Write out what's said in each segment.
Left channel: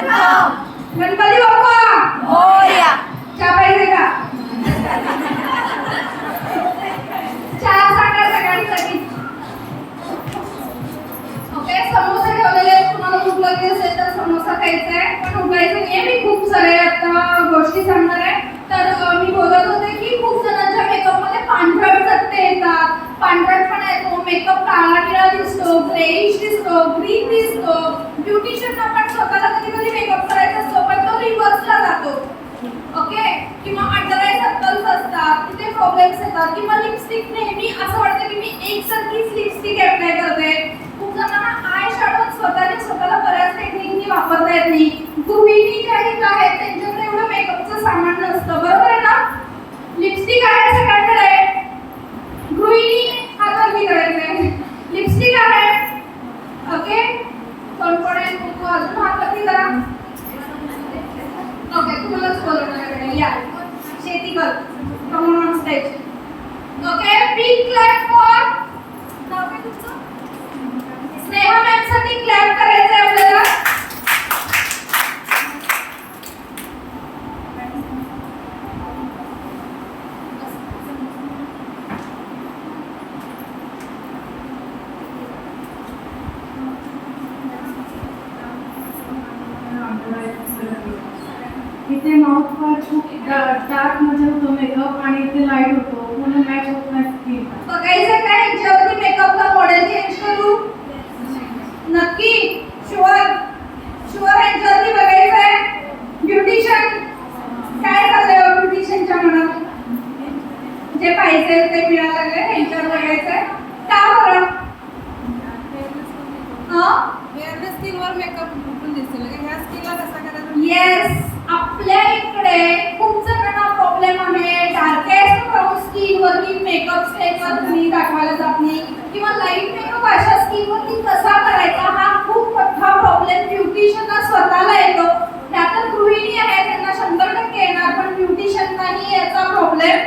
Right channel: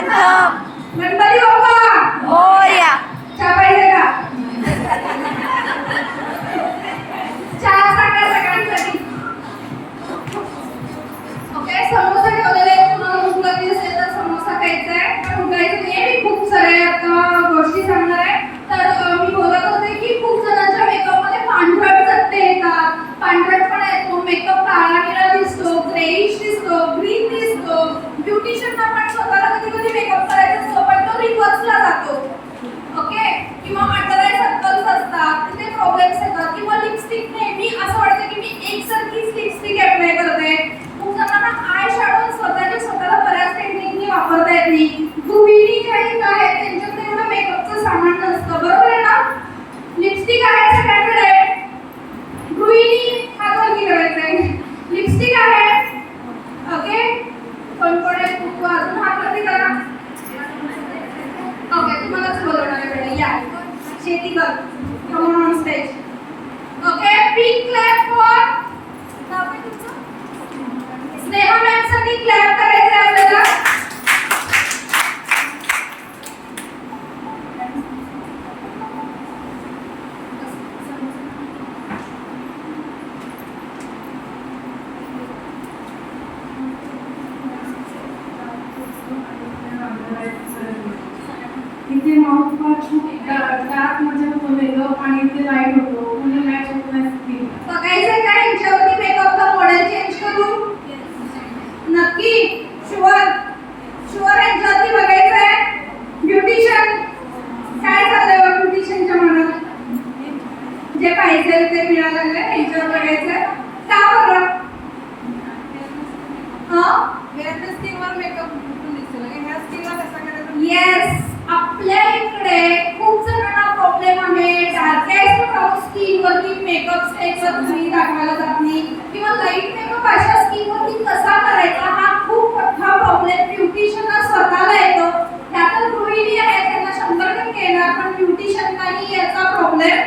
प्रथम गणपती बाप्पा मोरया. चहा पाहिजे का? चहा सांगा सगळ्यांसाठी. ओके, समोसा ठेवलेले आहेत. कुणाला भूक लागली असेल तर समोसा खायचा आहे. पण उठायचं नाहीये. मी खूप सारे आता गोष्टी सांगणार आहे. तर मी बोलत होते की खूप जणांच्या मेकअपमध्ये पांढरट चट्टे येतात, पांढरटपणा येतो, मेकअप काळा निळा दिसतो, ग्रेइश दिसतो, ग्रीन दिसतो. ब्युटिशियन आपण स्वतःला कधी कधी मेकअप करायचा असतो पण तो रिव्हर्सला जातो. ओके, किंवा अंडर आय सर्कल्स असतात, तिथे प्रॉब्लेम्स येतात, किंवा लिपस्टिक नेहमी असं वाटतं की मी एकसारखीच लिपस्टिक अप्लाय करते. खूप जणांना आय शॅडो स्वतःला बऱ्याच टेक्निकनी वापरता येत नाही. गृहिणी ज्या आहेत त्यांच्याकडे एवढं मेकअपचं सामान नसतं, बरोबर आहे ना? लिपस्टिक आहे सगळ्यांकडे. गृहिणी हात वरती करायचा आहे. लिपस्टिक आहे. ओके, कोण आहे? तू अजून हात वरती करा. ओके, तुम्हालाच बोलवणार आहे. या शेती कर. Come on stage. Okay, big clap for now काय तुमचं? स्नेहा मॅम साठी क्लॅप करायचं आहे आपल्याला. इथे माउथ पार्ट खूप डार्क मध्ये होतो मेकअप आणि इथे लाईट होतो. पूर्ण मॅच होत नाही स्किन. बघायचं काय ह्याच्यावरती मेकअपचा मॉडेल चेंज करू? नक्की? शुअर? ह्याच्यावरती बघायचं आहे. ब्युटिशियन काय झालंय ब्युटिशियनच्या मनात? जे पाहिजे ते मिळायला लागले ह्याच्यावर बघायचं आहे. का बरं? हेअर स्किनवर मेकअप दिसतो लगे ह्या स्किनला कसा करायचा? येस, आपल्या इकडे खूप जणांना प्रॉब्लेम आहे. डार्केस्ट ब्राउन स्किन वरती मेकअप स्टेजवर तुम्ही दाखवायला जात नाही, किंवा लाईट मेकअप अशा स्किन वरती कसा करायचा हा खूप मोठा प्रॉब्लेम ब्युटिशियनला स्वतःला येतो. त्यात गृहिणी आहे त्यांना 100% येणार, पण ब्युटिशियनलाही याचा प्रॉब्लेम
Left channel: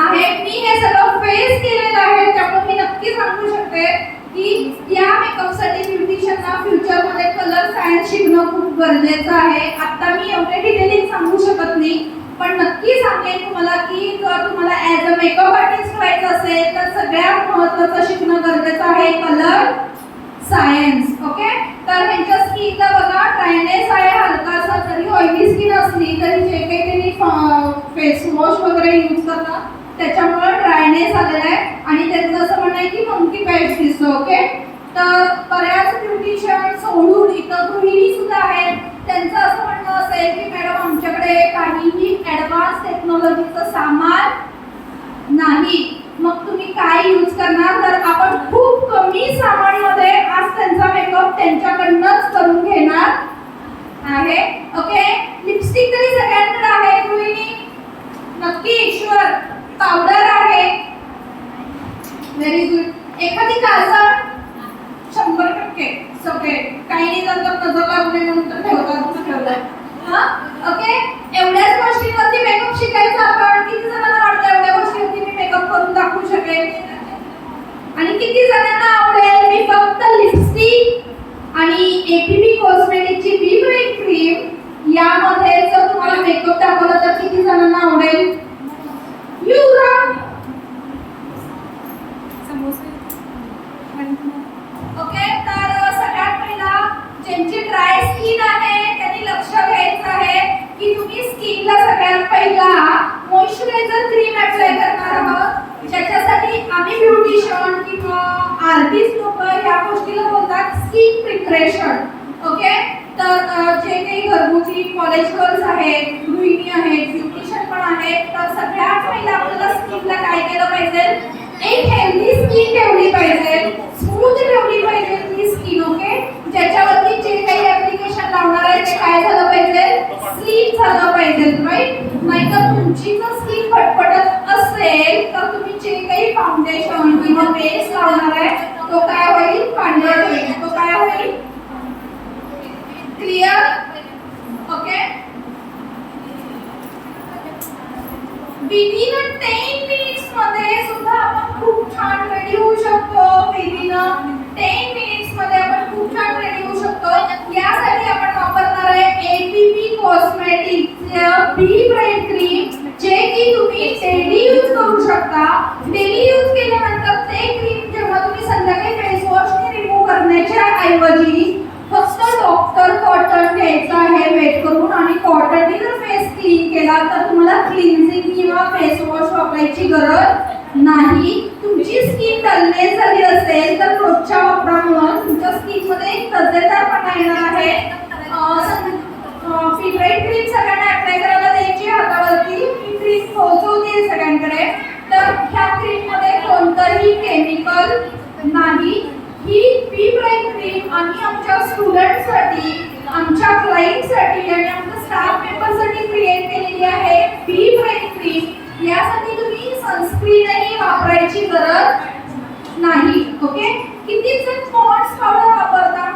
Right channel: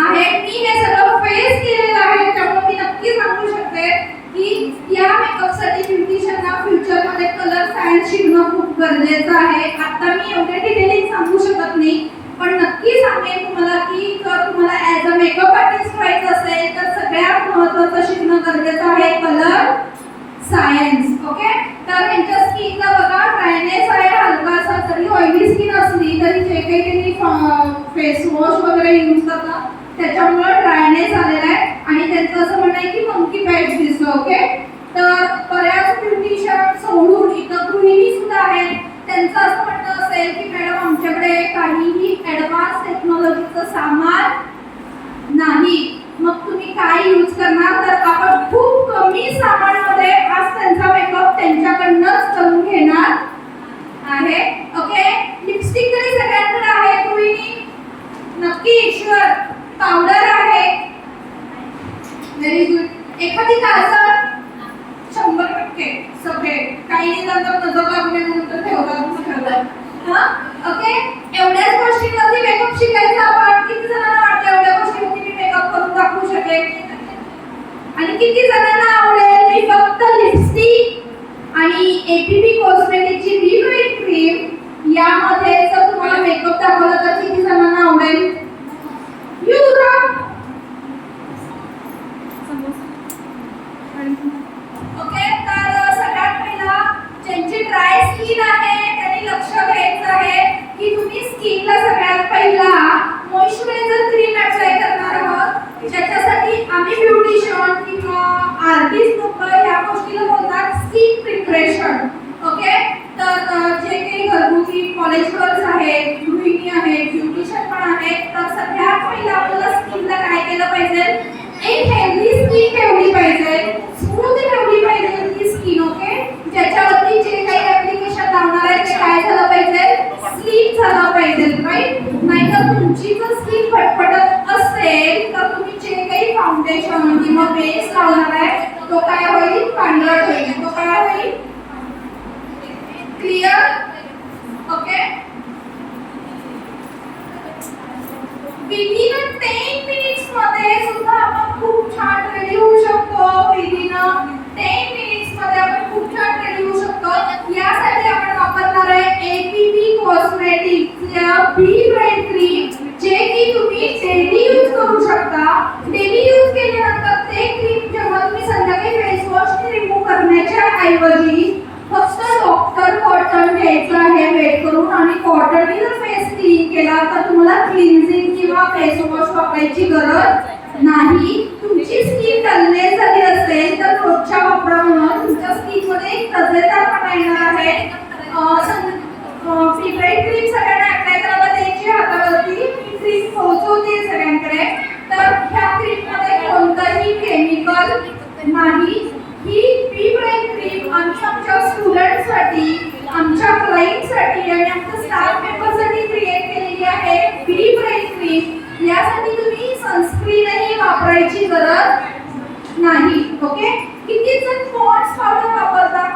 आहे. मी हे सगळं फेस केलेलं आहे, त्यामुळे मी नक्की सांगू शकते की या मेकअपसाठी ब्युटिशियनला फ्युचरमध्ये कलर सायन्स शिकणं खूप गरजेचं आहे. आता मी एवढे डिटेलिंग सांगू शकत नाही, पण नक्की सांगेन तुम्हाला की जर तुम्हाला ॲज अ मेकअप आर्टिस्ट व्हायचं असेल तर सगळ्यात महत्त्वाचं शिकणं गरजेचं आहे कलर सायन्स. ओके, तर ह्यांच्या स्किनला बघा ड्रायनेस आहे हलकासा. जरी ऑइली स्किन असली तरी जे काही त्यांनी फेस वॉश वगैरे यूज करतात त्याच्यामुळे ड्रायनेस आलेला आहे आणि त्यांचं असं म्हणणं आहे की मंकी पॅच दिसतो. ओके, तर बऱ्याच ब्युटिशियन सोडून इथं गृहिणी सुद्धा आहेत. त्यांचं असं म्हणणं असेल की मॅडम आमच्याकडे काहीही ॲडव्हान्स टेक्नॉलॉजीचं सामान नाही, मग तुम्ही काय यूज करणार? तर आपण खूप कमी सामानामध्ये आज त्यांचा मेकअप त्यांच्याकडनंच करून घेणार आहे. ओके, लिपस्टिक तरी सगळ्यांकडे आहे गृहिणी? नक्की? शुअर? पावडर आहे. Very good. एखादी काजळ 100% सगळे काही नाही जातात नजर लागल्यानंतर ठेवतात. ओके, एवढ्याच गोष्टींवरती मेकअप शिकायचं आपण. किती जणांना वाटतं एवढ्या गोष्टींवरती मी मेकअप करून दाखवू शकेन? आणि किती जणांना आवडेल मी फक्त लिपस्टिक आणि एपीबी कॉस्मेटिकची बी क्रीम यामध्ये जर तुम्हाला मेकअप दाखवला तर किती जणांना आवडेल? ओके, तर सगळ्यात पहिला ज्यांची ड्राय स्किन आहे त्यांनी लक्ष द्यायचं आहे की तुम्ही स्किनला सगळ्यात पहिला मॉइश्चरायझर क्रीम अप्लाय करणार आहोत, ज्याच्यासाठी आम्ही ब्युटिशियन किंवा आर्टिस्ट लोक या गोष्टीला बोलतात स्किन प्रिपरेशन. ओके, तर जे काही घरगुती कॉलेज गर्ल्स आहेत, गृहिणी आहेत, ब्युटिशियन पण आहेत, तर सगळ्यात पहिला आपल्याला स्किनला काय केलं पाहिजे? एक हेल्दी स्किन ठेवली पाहिजे, स्मूथ ठेवली पाहिजे ती स्किन. ओके, ज्याच्यावरती जे काही ऍप्लिकेशन लावणार आहे ते काय झालं पाहिजे? स्लीप झालं पाहिजे, राईट? नाहीतर तुमची जर स्किन फटफटत असेल तर तुम्ही जे काही फाउंडेशन किंवा बेस लावणार आहे तो काय होईल? पांढरट होईल. तो काय होईल? क्लिअर? ओके, विदिन 10 मिनिट्स मध्ये सुद्धा आपण खूप छान रेडी होऊ शकतो. विदिन 10 मिनिट्स मध्ये आपण खूप छान रेडी होऊ शकतो. यासाठी आपण वापरणार आहे बी ब्राईट क्रीम जे की तुम्ही डेली यूज करू शकता. डेली यूज केल्यानंतर ते क्रीम जेव्हा तुम्ही संध्याकाळी फेस वॉशने रिमूव्ह करण्याच्या ऐवजी फक्त डॉक्टर कॉटन घ्यायचं आहे वेट करून आणि कॉटनने जर फेस क्लीन केला तर तुम्हाला क्लिन्झिंग किंवा फेस वॉश वापरायची गरज नाही. तुमची स्किन डलनेस झाली असेल तर रोजच्या वापरामुळे तुमच्या स्किन मध्ये एक तजेदारपणा येणार आहे. फेवरेट क्रीम सगळ्यांना अप्लाय करायला द्यायची हातावरती. ही क्रीम पोहोचवते सगळ्यांकडे. तर ह्या क्रीम मध्ये कोणतंही केमिकल नाही. ही बी ब्राईट क्रीम आम्ही आमच्या स्टुडंटसाठी, आमच्या क्लायंटसाठी आणि आमच्या स्टाफ मेंबरसाठी क्रिएट केलेली आहे. बी ब्राईट क्रीम यासाठी तुम्ही सनस्क्रीनही वापरायची गरज नाही. ओके. किती जण पॉन्ड्स पावडर वापरता?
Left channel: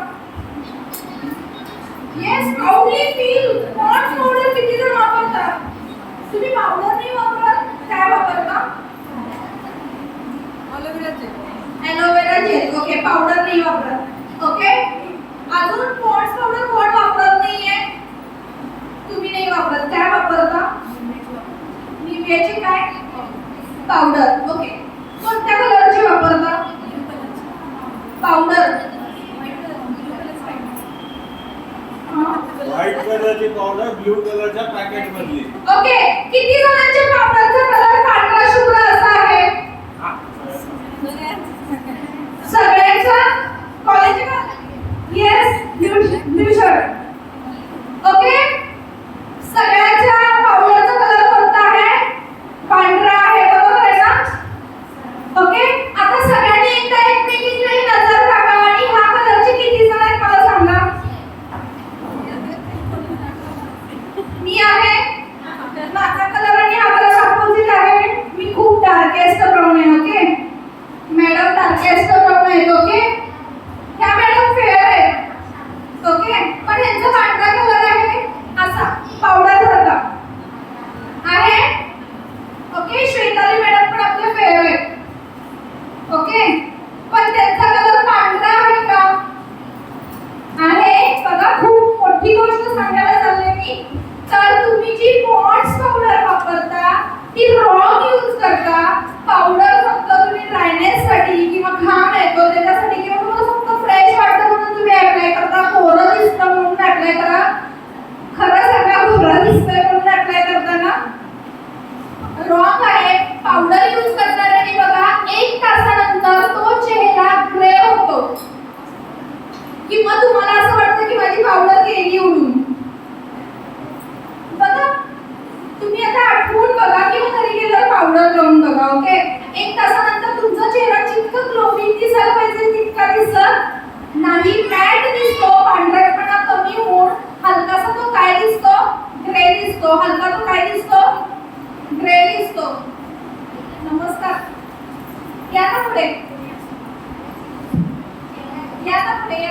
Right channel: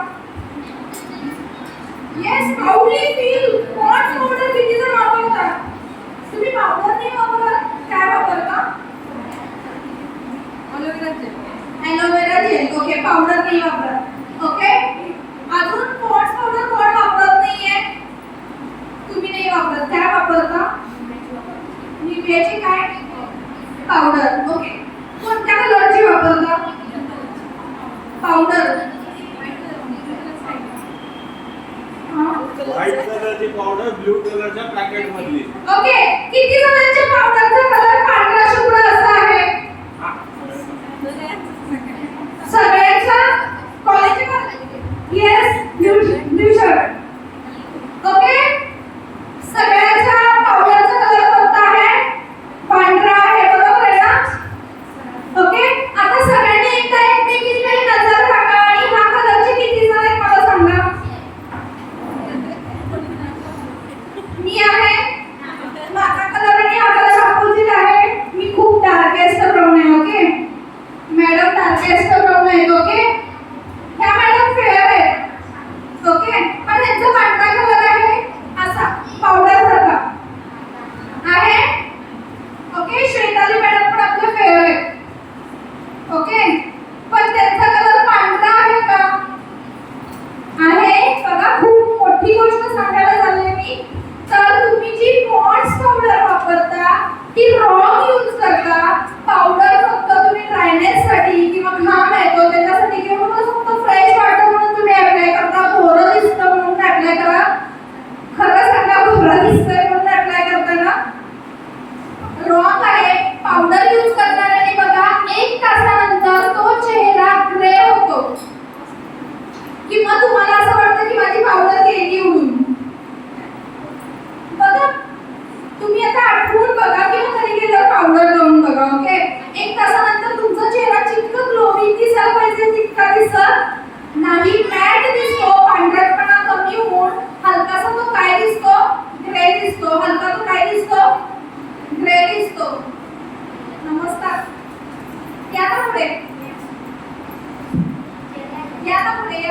Yes, proudly feel. Pond's powder किती जण वापरतात? तुम्ही पावडर नाही वापरत, काय वापरता? Aloe vera gel. ओके, पावडर नाही वापरत. ओके. अजून पॉन्ड्स पावडर कोण वापरत नाहीये? तुम्ही नाही वापरत, काय वापरता? निव्हियाची काय पावडर. ओके. कोणत्या कलरची वापरता पावडर? व्हाईट कलरची पावडर ब्लू कलरच्या पॅकेट मधली. ओके. किती जणांच्या पावडरचा कलर पांढरा शुभ्र असा आहे? सगळ्यांचा कॉलेजचा? Yes, blue shirt. ओके. सगळ्यांचा पावडरचा कलर कोणता आहे? पांढरा आहे, बरोबर आहे ना? ओके. आता सगळ्यांनी एकदा एकमेकींकडे नजर टाकावी आणि हा कलरचे किती जण आहेत मला सांगा. मी आहे, माझा कलर आणि हा कलर अपोजिट आहे. मी खूप डार्केस्ट ब्राऊन आहे. ओके. मॅडम डार्केस्ट ब्राऊन आहे. ओके. ह्या मॅडम फेअर आहे. ओके. पण यांचा पांढरा कलर आहे असा पावडर सारखा आहे. ओके. श्वेताली मॅडम पण आपलं फेअर आहे. ओके. पण त्यांचा कलर पांढरा आहे का? आहे. बघा, खूप मोठी गोष्ट सांगायला चालले मी. तर तुम्ही जी पॉन्ड्स पावडर वापरता ती रॉंग यूज करता. पावडर फक्त तुम्ही ड्रायनेस साठी किंवा घाम येतो त्याच्यासाठी किंवा तुम्हाला फक्त फ्रेश वाटतं म्हणून तुम्ही अप्लाय करता. कोरं दिसतं म्हणून अप्लाय करा. खरं सांगा, कोरं दिसतंय म्हणून अप्लाय करताना रॉंग आहे. पावडर यूज करणाऱ्याने बघा 1 तासानंतर तो चेहरा ग्रे होतो किंवा तुम्हाला असं वाटतं की माझी पावडर गेली म्हणून. बघा, तुम्ही आता आठवून बघा किंवा कधी गेलं पावडर लावून बघा. ओके. 1 तासानंतर तुमचा चेहरा जितकं ग्लोइंग दिसायला पाहिजे तितका दिसत नाही. मॅट दिसतो, पांढरपणा कमी होऊन हलकासा तो काय दिसतो? ग्रे दिसतो. हलका तो काय दिसतो? ग्रे दिसतो. नमस्कार. या ना पुढे, या ना पुढे.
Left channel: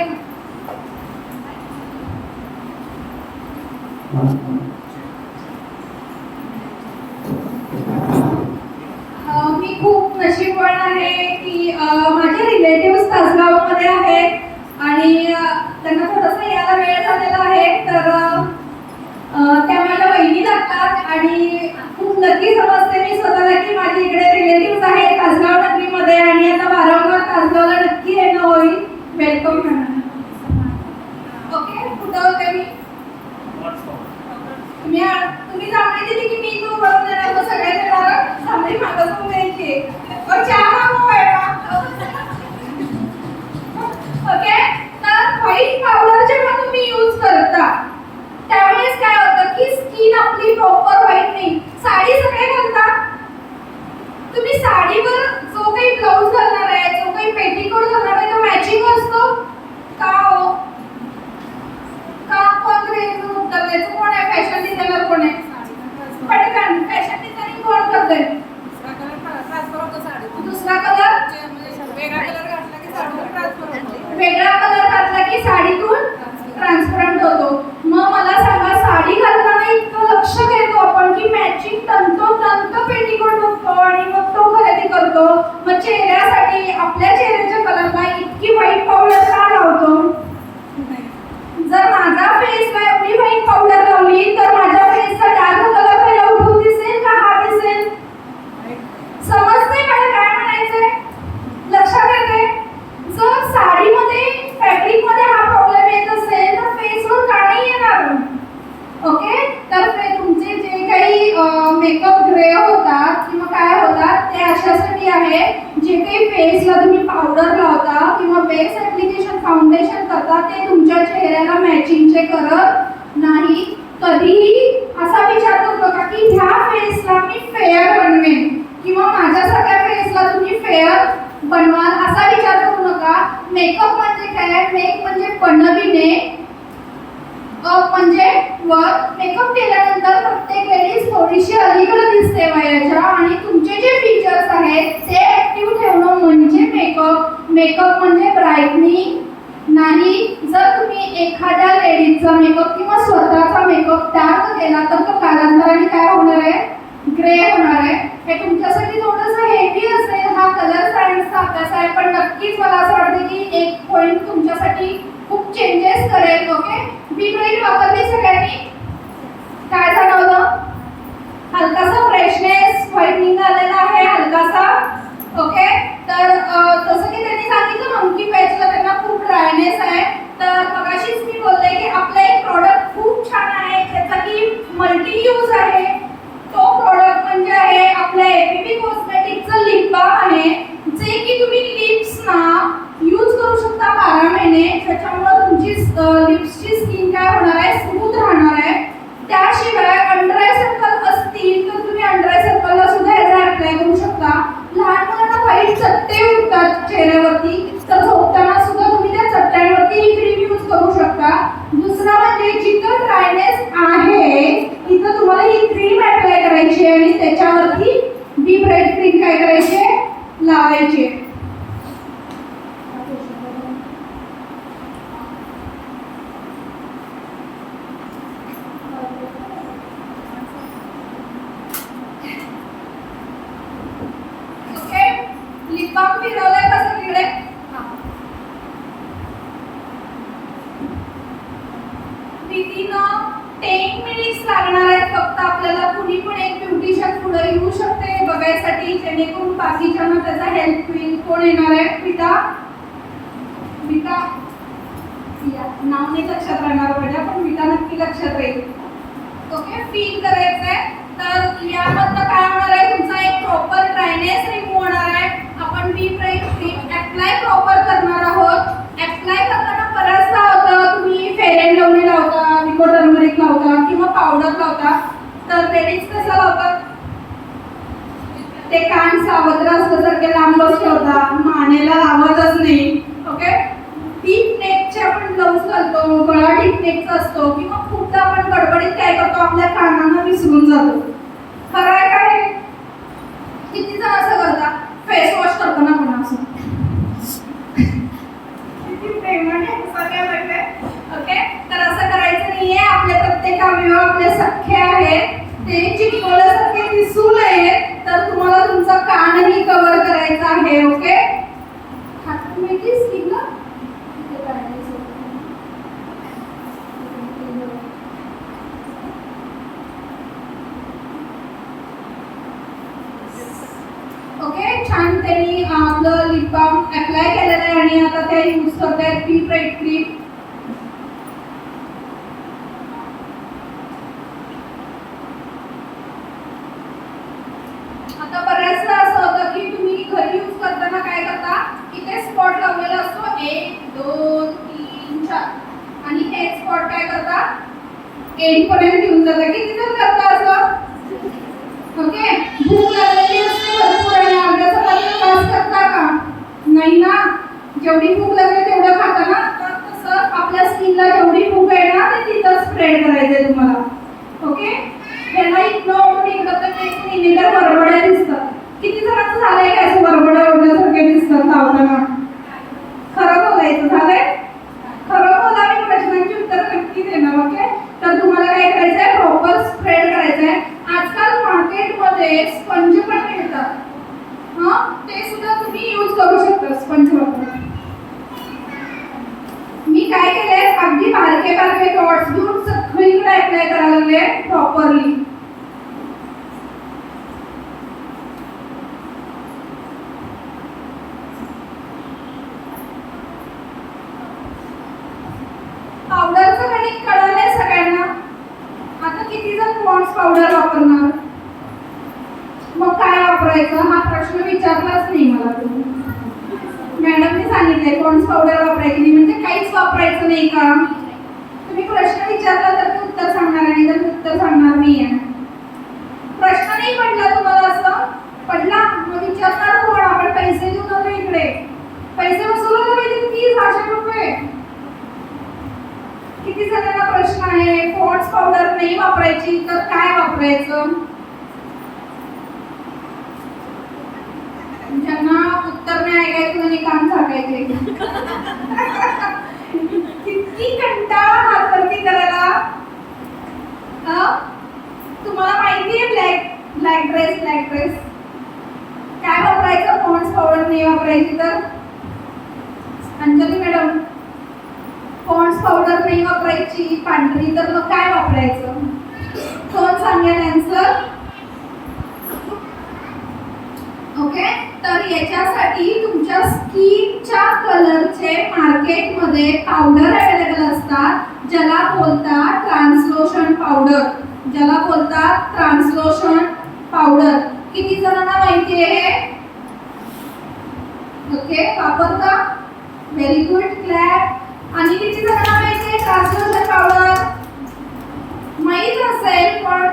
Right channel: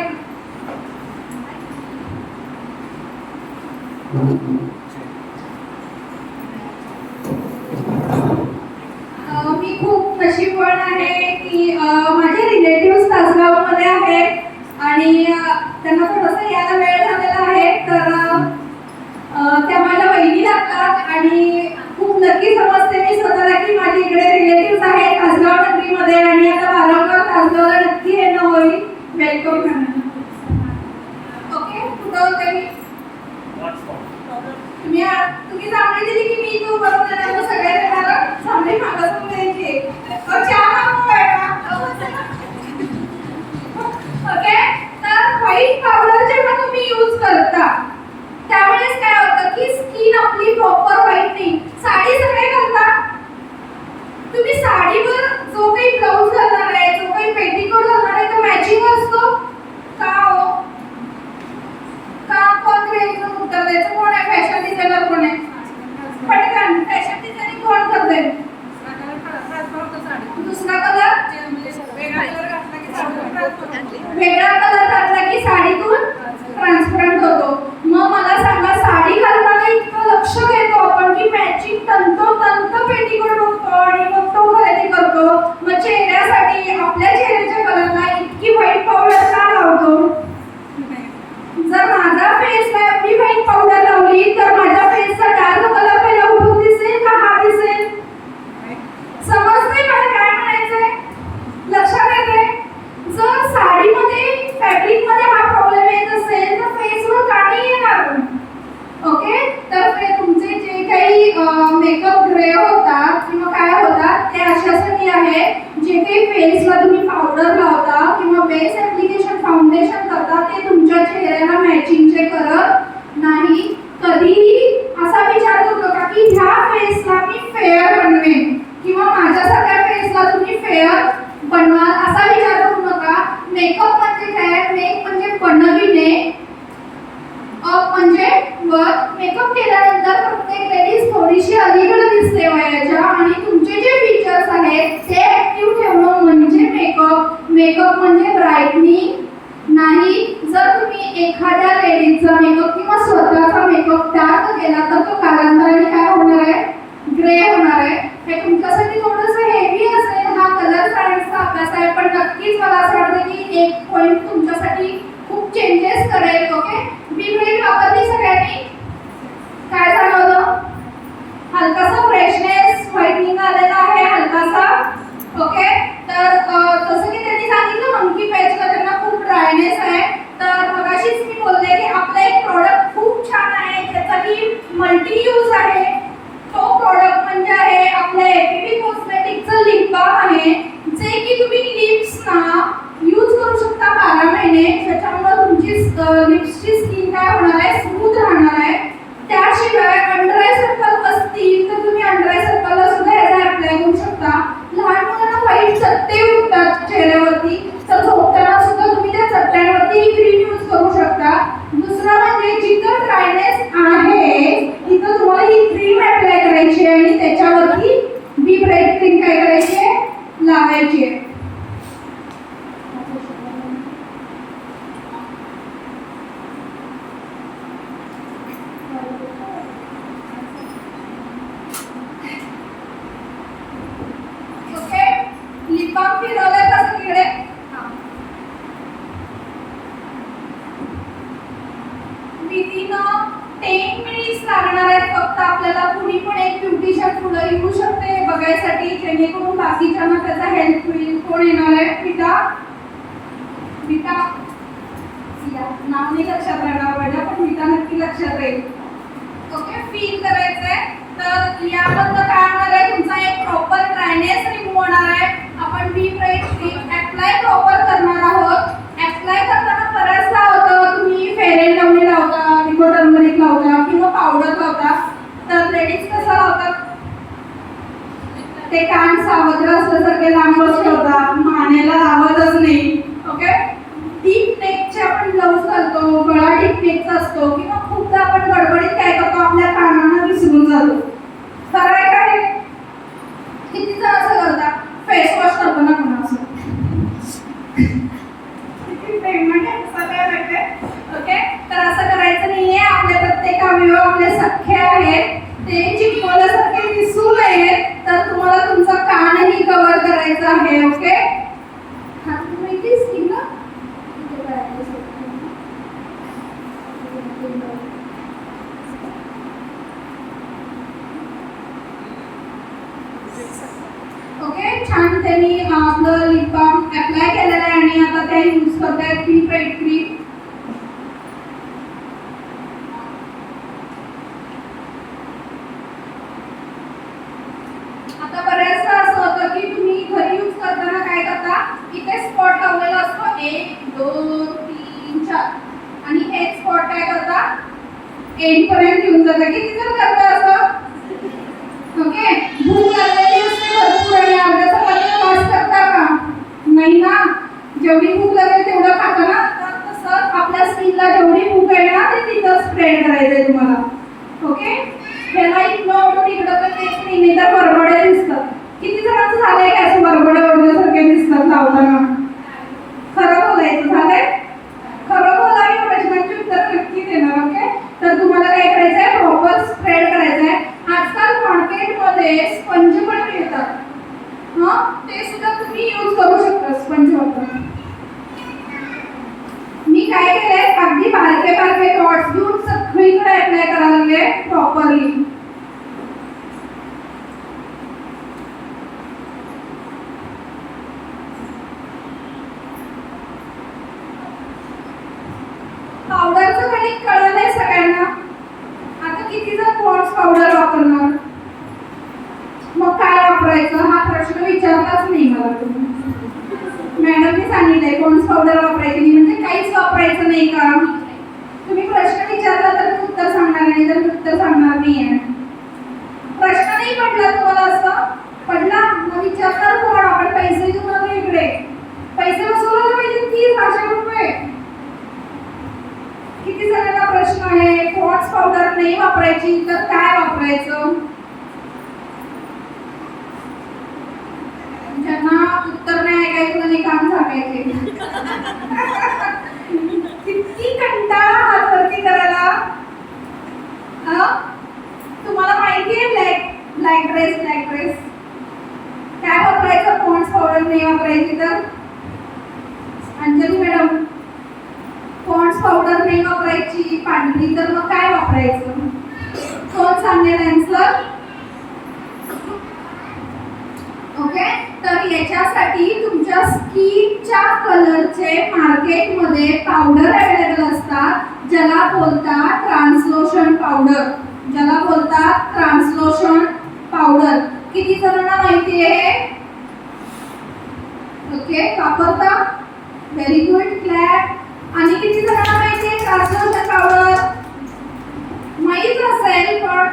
मी खूप नशीबवान आहे की माझे रिलेटिव्ह तासगावमध्ये आहेत आणि त्यांना थोडंसं यायला वेळ झालेला आहे. तर त्या मला वहिनी लागतात आणि खूप नक्की समजते मी स्वतःला की माझे इकडे रिलेटिव्ह आहेत तासगाव नगरीमध्ये आणि आता वारंवार तासगावला नक्की येणं होईल. Welcome madam. ओके. कुठं होते मी? तुम्ही सांगली दिली की मी तू बनवून देणार. मग सगळ्यांना मला चांगली मागवून द्यायची. ओके. तर व्हाईट पावडर जेव्हा तुम्ही यूज करता त्यावेळेस काय होतं की स्किन आपली प्रॉपर व्हाईट नाही. साडी सगळे घालतात. तुम्ही साडीवर जो काही ब्लाऊज घालणार आहे, जो काही पेटीकोट घालणार आहे तो मॅचिंग असतो का हो? का कोण ग्रेजचं उत्तर द्यायचं? कोण आहे फॅशन डिझायनर? कोण आहे? पटकन. फॅशन डिझायनिंग कोण करते? दुसरा कलर वेगळा कलर घातला की साडीतून ट्रान्सपरंट होतो. मग मला सांगा, साडी घालताना इतकं लक्ष घेतो आपण की मॅचिंग तंतोतंत पेटीकोट होतो आणि मग तो खरेदी करतो. मग चेहऱ्यासाठी आपल्या चेहऱ्याच्या कलरला इतकी व्हाईट पावडर का लावतो? जर माझा फेसला एवढी व्हाईट पावडर लावली तर माझ्या फेसचा डार्क काही फेसला तुम्ही पावडर लावता किंवा बेस ऍप्लिकेशन फाउंडेशन करता ते तुमच्या चेहऱ्याला मॅचिंगचे करत नाही. कधीही असा विचार करू नका की ह्या फेसला मी फेअर बनवेन किंवा माझ्या सगळ्या फेसला तुम्ही फेअर बनवाल असा विचार करू नका. मेकअप म्हणजे काय? मेक म्हणजे बनविणे, अप म्हणजे वर. मेकअप केल्यानंतर प्रत्येक लेडीज थोडीशी अलीकडे दिसते वयाच्या आणि तुमचे जे फीचर्स आहेत ते ऍक्टिव्ह ठेवणं म्हणजे मेकअप. मेकअप म्हणजे ब्राईटनिंग नाही. जर तुम्ही एखाद्या लेडीजचा मेकअप किंवा स्वतःचा मेकअप डार्क केला तर तो कालांतराने काय होणार आहे? ग्रे होणार आहे. हे तुमच्यासाठी थोडंसं हेवी असेल, हा कलर सायन्सचा अभ्यास आहे, पण नक्कीच मला असं वाटतं की एक पॉईंट तुमच्यासाठी खूप चेंजेस करेल. ओके, बी ब्राईट वापरली सगळ्यांनी, काय जाणवलं? हलकासा फ्रेशनेस, व्हाईटनिंग आलेला आहे हलकासा. ओके, तर जसं की त्यांनी सांगितलं मंकी पेजला त्यांना खूप ड्रायनेस आहे. तर मगाशीच मी बोलले की आपलं एक प्रोडक्ट खूप छान आहे त्याचा की मल्टी यूज आहे. तो प्रोडक्ट म्हणजे आहे आपल्या एपीपी कॉस्मेटिकचं लिप बाम आहे, जे की तुम्ही लिप्सना यूज करू शकता 12 महिने. त्याच्यामुळे तुमची लिप्सची स्किन काय होणार आहे? स्मूथ राहणार आहे. त्याशिवाय अंडर आय सर्कल असतील तर तुम्ही अंडर आय सर्कलला सुद्धा याचा अप्लाय करू शकता. लहान मुलांना व्हाईट चट्टे उठतात चेहऱ्यावरती, तर झोपताना सुद्धा तुम्ही त्या चट्ट्यांवरती ही क्रीम यूज करू शकता. दुसरा म्हणजे जिथं ड्रायनेस आहे तिथं तुम्हाला ही क्रीम अप्लाय करायची आहे आणि त्याच्यावरती बी ब्राईट क्रीम काय करायची आहे? लावायची आहे. ओके, लिप बाम फिरवलाय का सगळीकडे? विदिन 10 मिनिट्स लागणार आहेत फक्त आपल्याला. कुणी पण एक ब्युटिशियन पुढे येऊ शकते बघायसाठी, जेणेकरून बाकीच्यांना त्याचा हेल्प होईल. कोण येणार आहे? विटा, विटा या नाव नाही लक्षात राहणार माझ्या, पण विटा नक्की लक्षात राहील. ओके, फील करायचंय. तर यामधनं काय होणार आहे? तुमचा एक प्रॉपर ड्रायनेस रिमूव्ह होणार आहे. आपण बी ब्राईट क्रीम अप्लाय प्रॉपर करणार आहोत. अप्लाय करताना बऱ्याचदा होतं तुम्ही फेअर अँड लवली लावता, निको टर्मरिक लावता किंवा पावडर लावता, तर लेडीज कसं लावतात? ते कान सावत्र असल्यासारखे लांबच ठेवता, मानेला आवाजच नाही. ओके, डीप नेकचे आपण ब्लाऊज घालतो, गळा डीप नेकचा असतो किंवा खूपदा आपण गडबडीत काय करतो? आपल्या कानांना विसरून जातो. खरं आहे का हे? किती जण असं करतात? फेस वॉश करतो ना कोणा असं ओके, तर असं करायचं नाहीये. आपले प्रत्येक अवयव आपले सख्खे आहेत, ते चिपकल्यासारखे दिसू नये, तर तुम्हाला तुमचा कानही कव्हर करायचा आहे. ओके, हात माहिती स्किनला ओके, छान त्यांनी आपलं लिप बाम अप्लाय केलेलं आहे आणि आता त्या यूज करतायत बी ब्राईट क्रीम. आता बऱ्याचदा असं होतं की तुम्ही घरी यूज करताना काय करता? इथे स्पॉट लावलेला असतो 1 2 3 4 आणि हे स्पॉट काय करता? एंड पर्यंत घेऊन जाता. किती जण करता असं? ओके, भूक लागलेली असते भरपूर आणि अर्ध्याचा पर्यंत वास करता का? नाही ना. जेवढी भूक लागेल तेवढं खाता ना. तर तसं आपल्या स्किनला जेवढी भूक आहे ना ते तिथं स्प्रेड करायचंय तुम्हाला. ओके, ह्याला इथनं ओढून इकडं तर तेच नाही तर बरबड्या दिसतात. किती जणांचं झालंय का असं बरबड्या ओढल्यासारखे दिसतात लावताना? खरं बोलायचं झालंय? खरं बोला, मी प्रश्नांची उत्तर नक्की देणार. ओके, तर तुम्हाला काय करायचंय? प्रॉपर स्प्रेड करायचंय. आजकाल मार्केटमध्ये स्पंज पण मिळतात, ते सुद्धा तुम्ही यूज करू शकता स्पंज वापरून. मी काय केलंय? अगदी बारके बारके डॉट्स घेऊन सगळीकडे अप्लाय करायला लागले प्रॉपरली. पावडरचं गणित कळलंय सगळ्यांना? आता किती जण पॉन्ड्स पावडर वापरणार? मग काय वापरायचं हा प्रश्न विचारलाच नाही मला तुम्ही. मॅडमने सांगितलंय पॉन्ड्स पावडर वापरायची नाही म्हणजे काहीच वापरायचं नाही का? तुम्ही प्रश्न विचारला तर मी उत्तर सांगणार नाही तर मी उत्तर सांगणार नाहीये. प्रश्न नाही पडला तुम्हाला असं पडला मग विचारणार कोण? आपण पैसे देऊन आलो इकडे, पैसे वसुलायला पाहिजे 30,000 रुपये. किती जणांना प्रश्न आहे पॉन्ड्स पावडर नाही वापरायची तर काय वापरायचं? ज्यांना उत्तर नाही ऐकायचं आणि काम सांगायचे किती कंटाळा हात वरती करायला. तुम्हाला माहिती आहे ब्लॅक ड्रेस काय वापरायचं पॉन्ड्स पावडर नाही वापरायची तर? अंजली मॅडम पॉन्ड्स पावडर नाही वापरायची पांढरी तर मग काय वापरायचं? कोण सांगेल आन्सर? ओके तर याच्यासाठी तुमच्या स्किनच्या कलरचे मार्केटमध्ये पावडर अवेलेबल असतात ज्याला बोलतात ट्रान्सलोशन पावडर. ज्याला बोलतात ट्रान्सलोशन पावडर. किती जणांना माहिती आहे? ओके वापरता? Very good clap. आणि किती जणांना माहिती आहे ट्रान्सलोशन पावडर? माहित असेल पण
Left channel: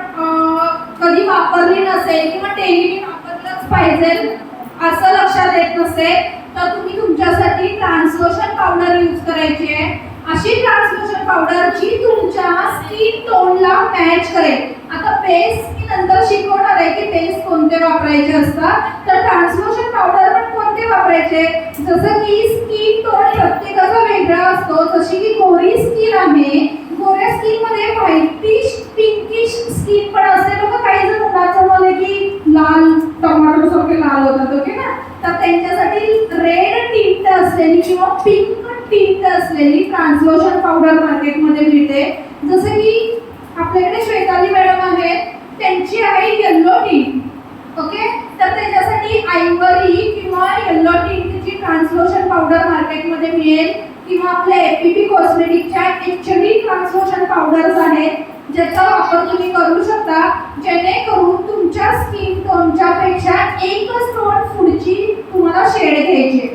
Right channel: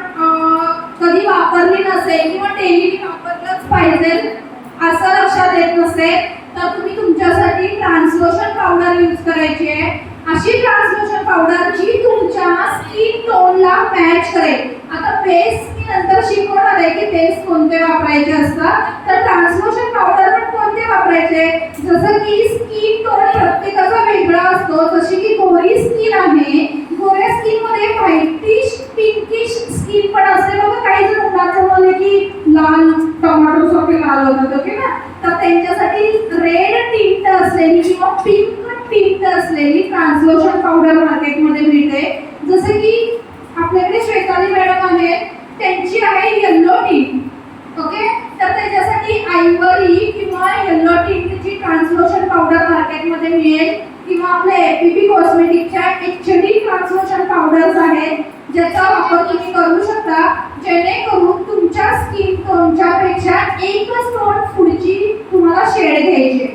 कधी वापरली नसेल किंवा डेली वापरलंच पाहिजे असं लक्षात येत नसेल तर तुम्ही तुमच्यासाठी ट्रान्सलोशन पावडर यूज करायची आहे. अशी ट्रान्सलोशन पावडर जी तुमच्या स्किन टोनला मॅच करेल. आता बेस मी नंतर शिकवणार आहे की बेस कोणते वापरायचे असतात. तर ट्रान्सलोशन पावडर पण कोणते वापरायचे जसं की स्किन टोन प्रत्येकाचा वेगळा असतो. जशी की गोरी स्किन आहे, गोऱ्या स्किन मध्ये व्हाईटिश पिंकिश स्किन पण असते बघा. काही जण मुलांचं बोलले की लाल टोमॅटो सारखे लाल होतात ओके ना. तर त्यांच्यासाठी रेड टिंट असलेली किंवा पिंक टिंट असलेली ट्रान्सलोशन पावडर मार्केटमध्ये मिळते. जसे की आपल्याकडे श्वेताली मॅडम आहेत त्यांची आहे येलो टिंट ओके. तर त्याच्यासाठी आयव्हरी किंवा येलो टिंटची ट्रान्सलोशन पावडर मार्केटमध्ये मिळेल किंवा आपल्या एपीपी कॉस्मेटिकच्या एक्चुअली ट्रान्सलोशन पावडर्स आहेत ज्याचा वापर तुम्ही करू शकता जेणेकरून तुमच्या स्किन टोनच्या पेक्षा एकच टोन पुढची तुम्हाला शेड घ्यायची.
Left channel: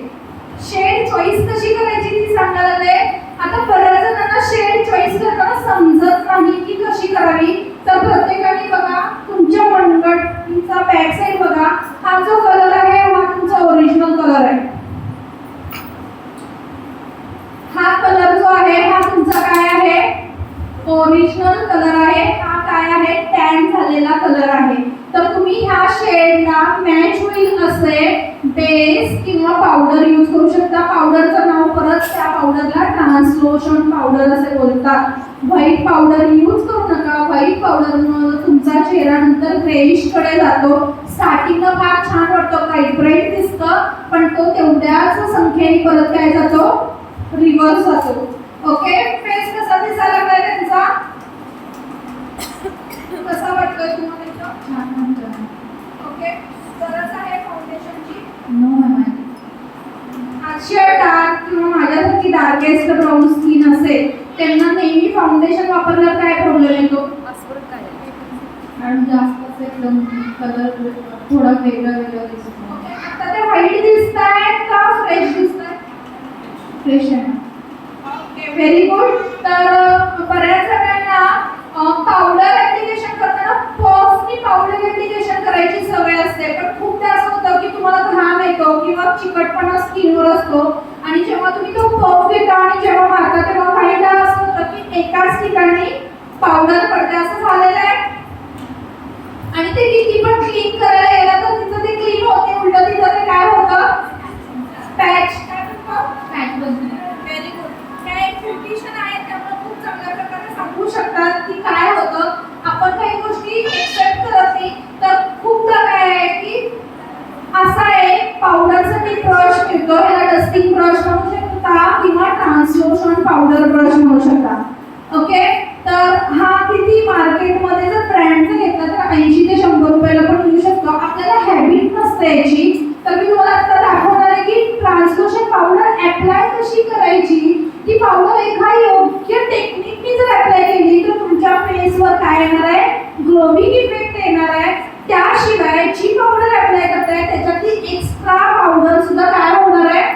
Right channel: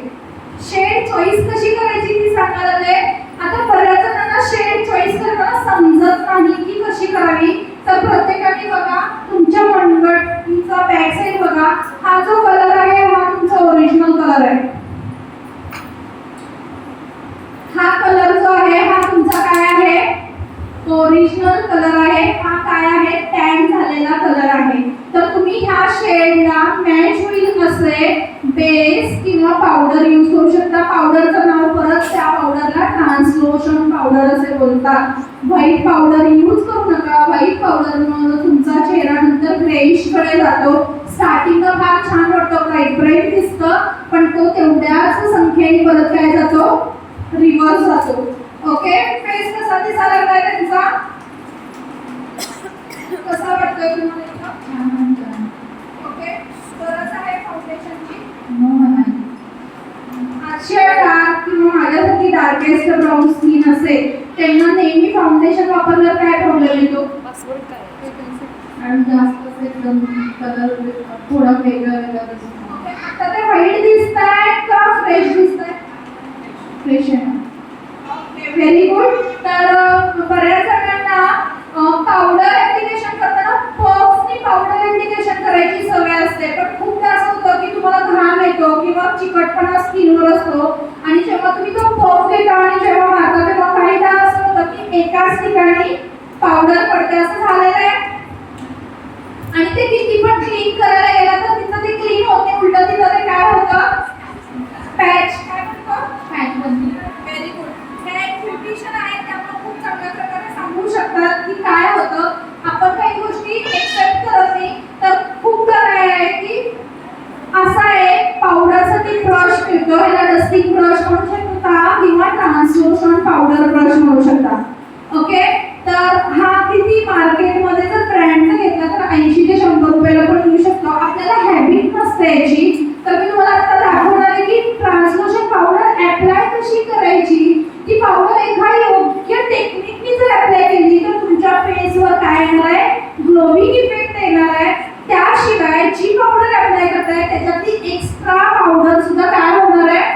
शेड चॉईस कशी करायची ती सांगायला दे. आता बऱ्याच जणांना शेड चॉईस करताना समजत नाही की कशी करावी. तर प्रत्येकाने बघा तुमच्या मनगटचा बॅक साइड बघा. हा जो कलर आहे हा तुमचा ओरिजिनल कलर आहे. हा कलर जो आहे हा तुमचा काय आहे? ओरिजिनल कलर आहे. हा काय आहे? टॅन झालेला कलर आहे. तर तुम्ही ह्या शेडला मॅच होईल असे बेस किंवा पावडर यूज करू शकता. पावडरचं नाव परत त्या पावडरला ट्रान्सलोशन पावडर असे बोलतात. व्हाईट पावडर यूज करू नका. व्हाईट पावडरमुळे तुमचा चेहरा नंतर ग्रेइश कडे जातो. स्टार्टिंगला फार छान वाटतं, ब्राईट दिसतं, पण तो तेवढ्याच संख्येने परत काय जातो? रिव्हर्स जातो. ओके फेस कसा दिसायला लागलाय त्यांचा? कसा वाटतोय तुम्हाला? ओके गरज आहे फाउंडेशनची? अशा डार्क किंवा माझ्यासारखी डार्केस्ट ब्राऊन स्किन असेल त्यांना नेहमी फाउंडेशन वापरल्यावर काय प्रॉब्लेम येतो? आणि जास्त एकदम कलर थोडा वेगळा दिसतो. आता ते व्हाईट दिसतायत का फ्रेश दिसतायत? फ्रेश आहे. Very good. तर बऱ्याच जणांना पावडर ऍप्लिकेशन करताना पफनी पावडर ऍप्लिकेशन करायची सवय असते. पण खूपदा असं होतं की तुम्हाला घाम येतो किंवा चिकटपणा स्किनवर असतो आणि जेव्हा तुम्ही तो पफ घेता आणि जेव्हा मारता तेव्हा काहीदा असं होतं की एकाच ठिकाणी पावडर पडते. असं झालेलं आहे आणि ते किती पण क्लीन करायला गेलं तर तिथं ते क्लीन होत नाही. उलट तिथं ते काय होतं? पॅच. काय म्हणतो? पॅच बनते. Very good. हे ब्युटिशियन आहे त्यामुळे खूप चांगल्या प्रकारे सांगू शकतात की काय होतं. आपण काही गोष्टी एक्सेप्ट करत नाही. तर खूपदा काय आहे की असा एक पावडरसाठी ब्रश मिळतो. याला डस्टिंग ब्रश म्हणू शकता किंवा ट्रान्सलोशन पावडर ब्रश म्हणू शकता. ओके तर हा किती मार्केटमध्ये जर ब्रँडचा घेतला तर 80 ते 100 रुपयाला पण मिळू शकतो. आपल्याला हॅबिट नसते याची. तर मी तुम्हाला आता दाखवणार आहे की ट्रान्सलोशन पावडर अप्लाय कशी करायची. ती पावडर एका योग्य टेक्निकनी जर अप्लाय केली तर तुमच्या फेसवर काय येणार आहे? ग्लोविंग इफेक्ट येणार आहे. त्याशिवाय जी पावडर अप्लाय करताय त्याच्यातली एक्स्ट्रा पावडर सुद्धा काय होणार आहे?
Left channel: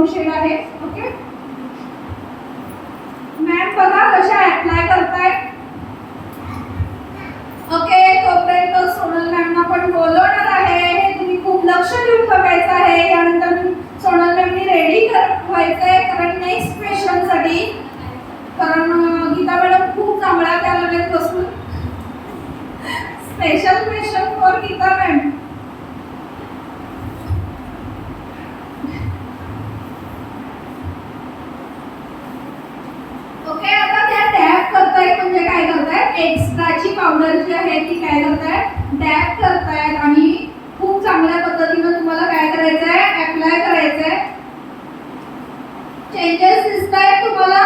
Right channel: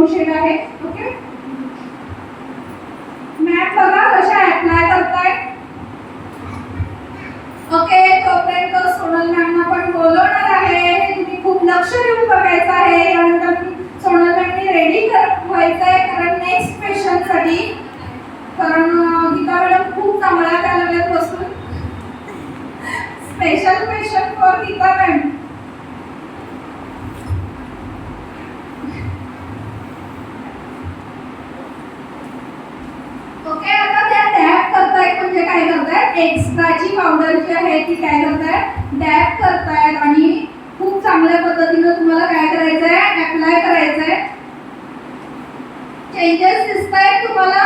ब्राऊन शेड आहे. ओके मॅट बघा कशा अप्लाय करताय. ओके तोपर्यंत सोनल मॅमना पण बोलवणार आहे. हे तुम्ही खूप लक्ष देऊन बघायचं आहे. यानंतर सोनल मॅमनी रेडी व्हायचंय कारण नेक्स्ट क्वेश्चन साठी. कारण गीता मॅडम खूप चांगल्या त्याला बसून special question for Geeta ma'am. Okay आता त्या डॅप करतायत म्हणजे काय करतायत एक्स्ट्राची पावडर जी आहे ती काय करतायत डॅप करतायत आणि खूप चांगल्या पद्धतीने तुम्हाला काय करायचंय अप्लाय करायचंय. चेंजेस दिसतायत तुम्हाला.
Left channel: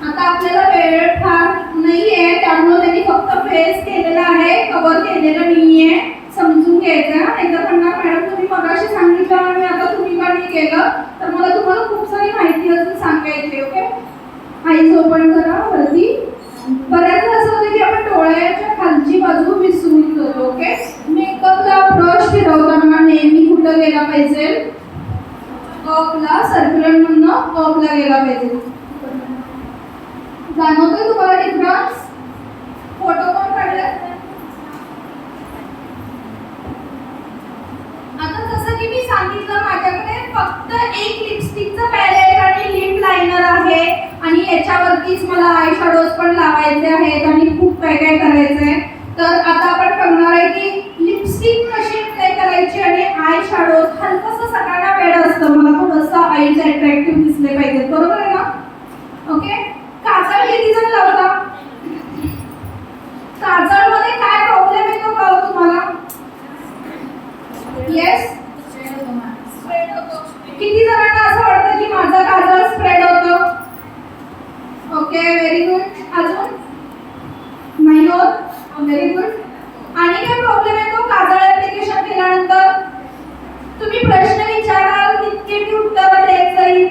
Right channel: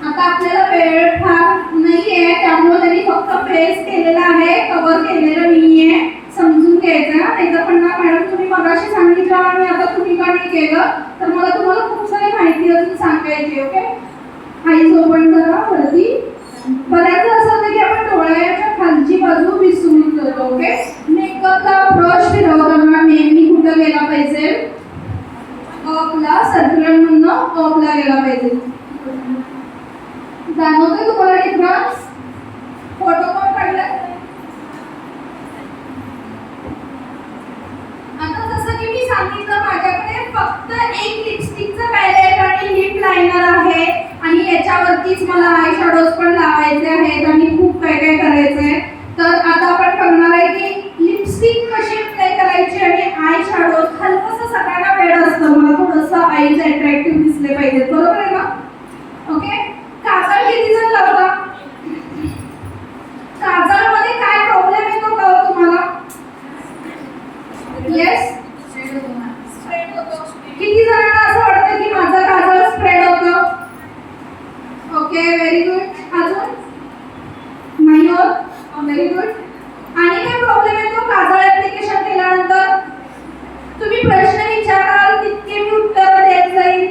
आता आपल्याला वेळ फार नाहीये त्यामुळे त्यांनी फक्त फेस केलेला आहे कव्हर केलेलं नाहीये. समजून घ्यायचं नाहीतर पण मॅडम तुम्ही मगाशी सांगितलं आणि आता तुम्ही का नाही केलं तर मला तुम्हाला खूप सारी माहिती अजून सांगायची. ओके आईज ओपन करा वरती. बऱ्याचदा असं होतं की आपण डोळ्याच्या खालची बाजू विसरून जातो. ओके मेकअपला ब्रश फिरवताना नेहमी कुठं गेला पाहिजे अपला सर्क्युलर म्हणून अपला गेला पाहिजे. जाणवतोय तुम्हाला डिफरन्स. फोटो पण काढला. आता जसं की मी सांगितलं माझ्याकडे फक्त एक लिपस्टिकचं पॅलेट आणि लिप लायनर आहे आणि याच्यावरतीच मला आय शॅडोज पण लावायचे आहेत आणि खूप काय काय करायचंय. तर आता आपण करणार आहे की लिपस्टिक कशी अप्लाय करायची आणि आय शॅडोज हलकसं सगळ्यांना वेळ असतं. मला थोडंसं आईज अट्रॅक्टिव्ह दिसले पाहिजेत बरोबर आहे ना. ओके काजळ किती जण लावता. काजळ मध्ये काय प्रॉब्लेम येतो का तुम्हाला. येस स्प्रेड होतो. किती जणांना असं वाटतं की माझं काजळ स्प्रेड होतं. Okay very good. अजून नाही होत. Very good. आणि काय प्रॉब्लेम येतो काजळ ऍप्लिकेशन केल्यानंतर. तुम्ही प्रश्न विचाराल तितके मी उत्तर देत जाईल.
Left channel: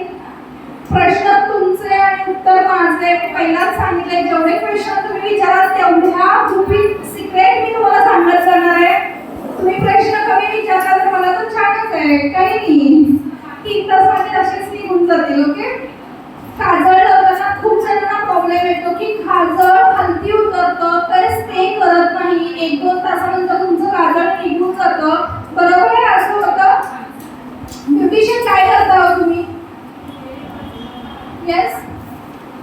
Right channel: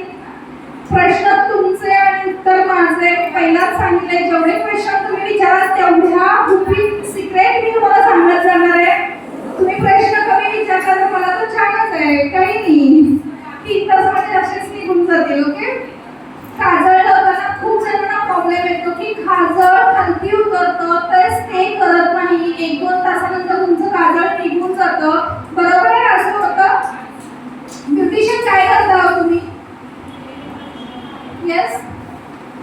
प्रश्न तुमचे आणि उत्तर माझे. पहिलाच सांगितले जेवढे प्रश्न तुम्ही विचाराल तेवढ्या गुपित सिक्रेट मी तुम्हाला सांगत जाणार आहे. तुम्ही प्रश्न कमी विचारला तर मला तर छानच आहे काही नाही. 3 तास माझे असेच निघून जातील. ओके काजळ लावताना खूप जणांना प्रॉब्लेम येतो की काजळ खालती उतरतं तर स्टे करत नाही. 1-2 तासानंतर तुमचं काजळ निघून जातं. बरोबर आहे असं होतं. ब्युटिशियन काय करता तुम्ही. येस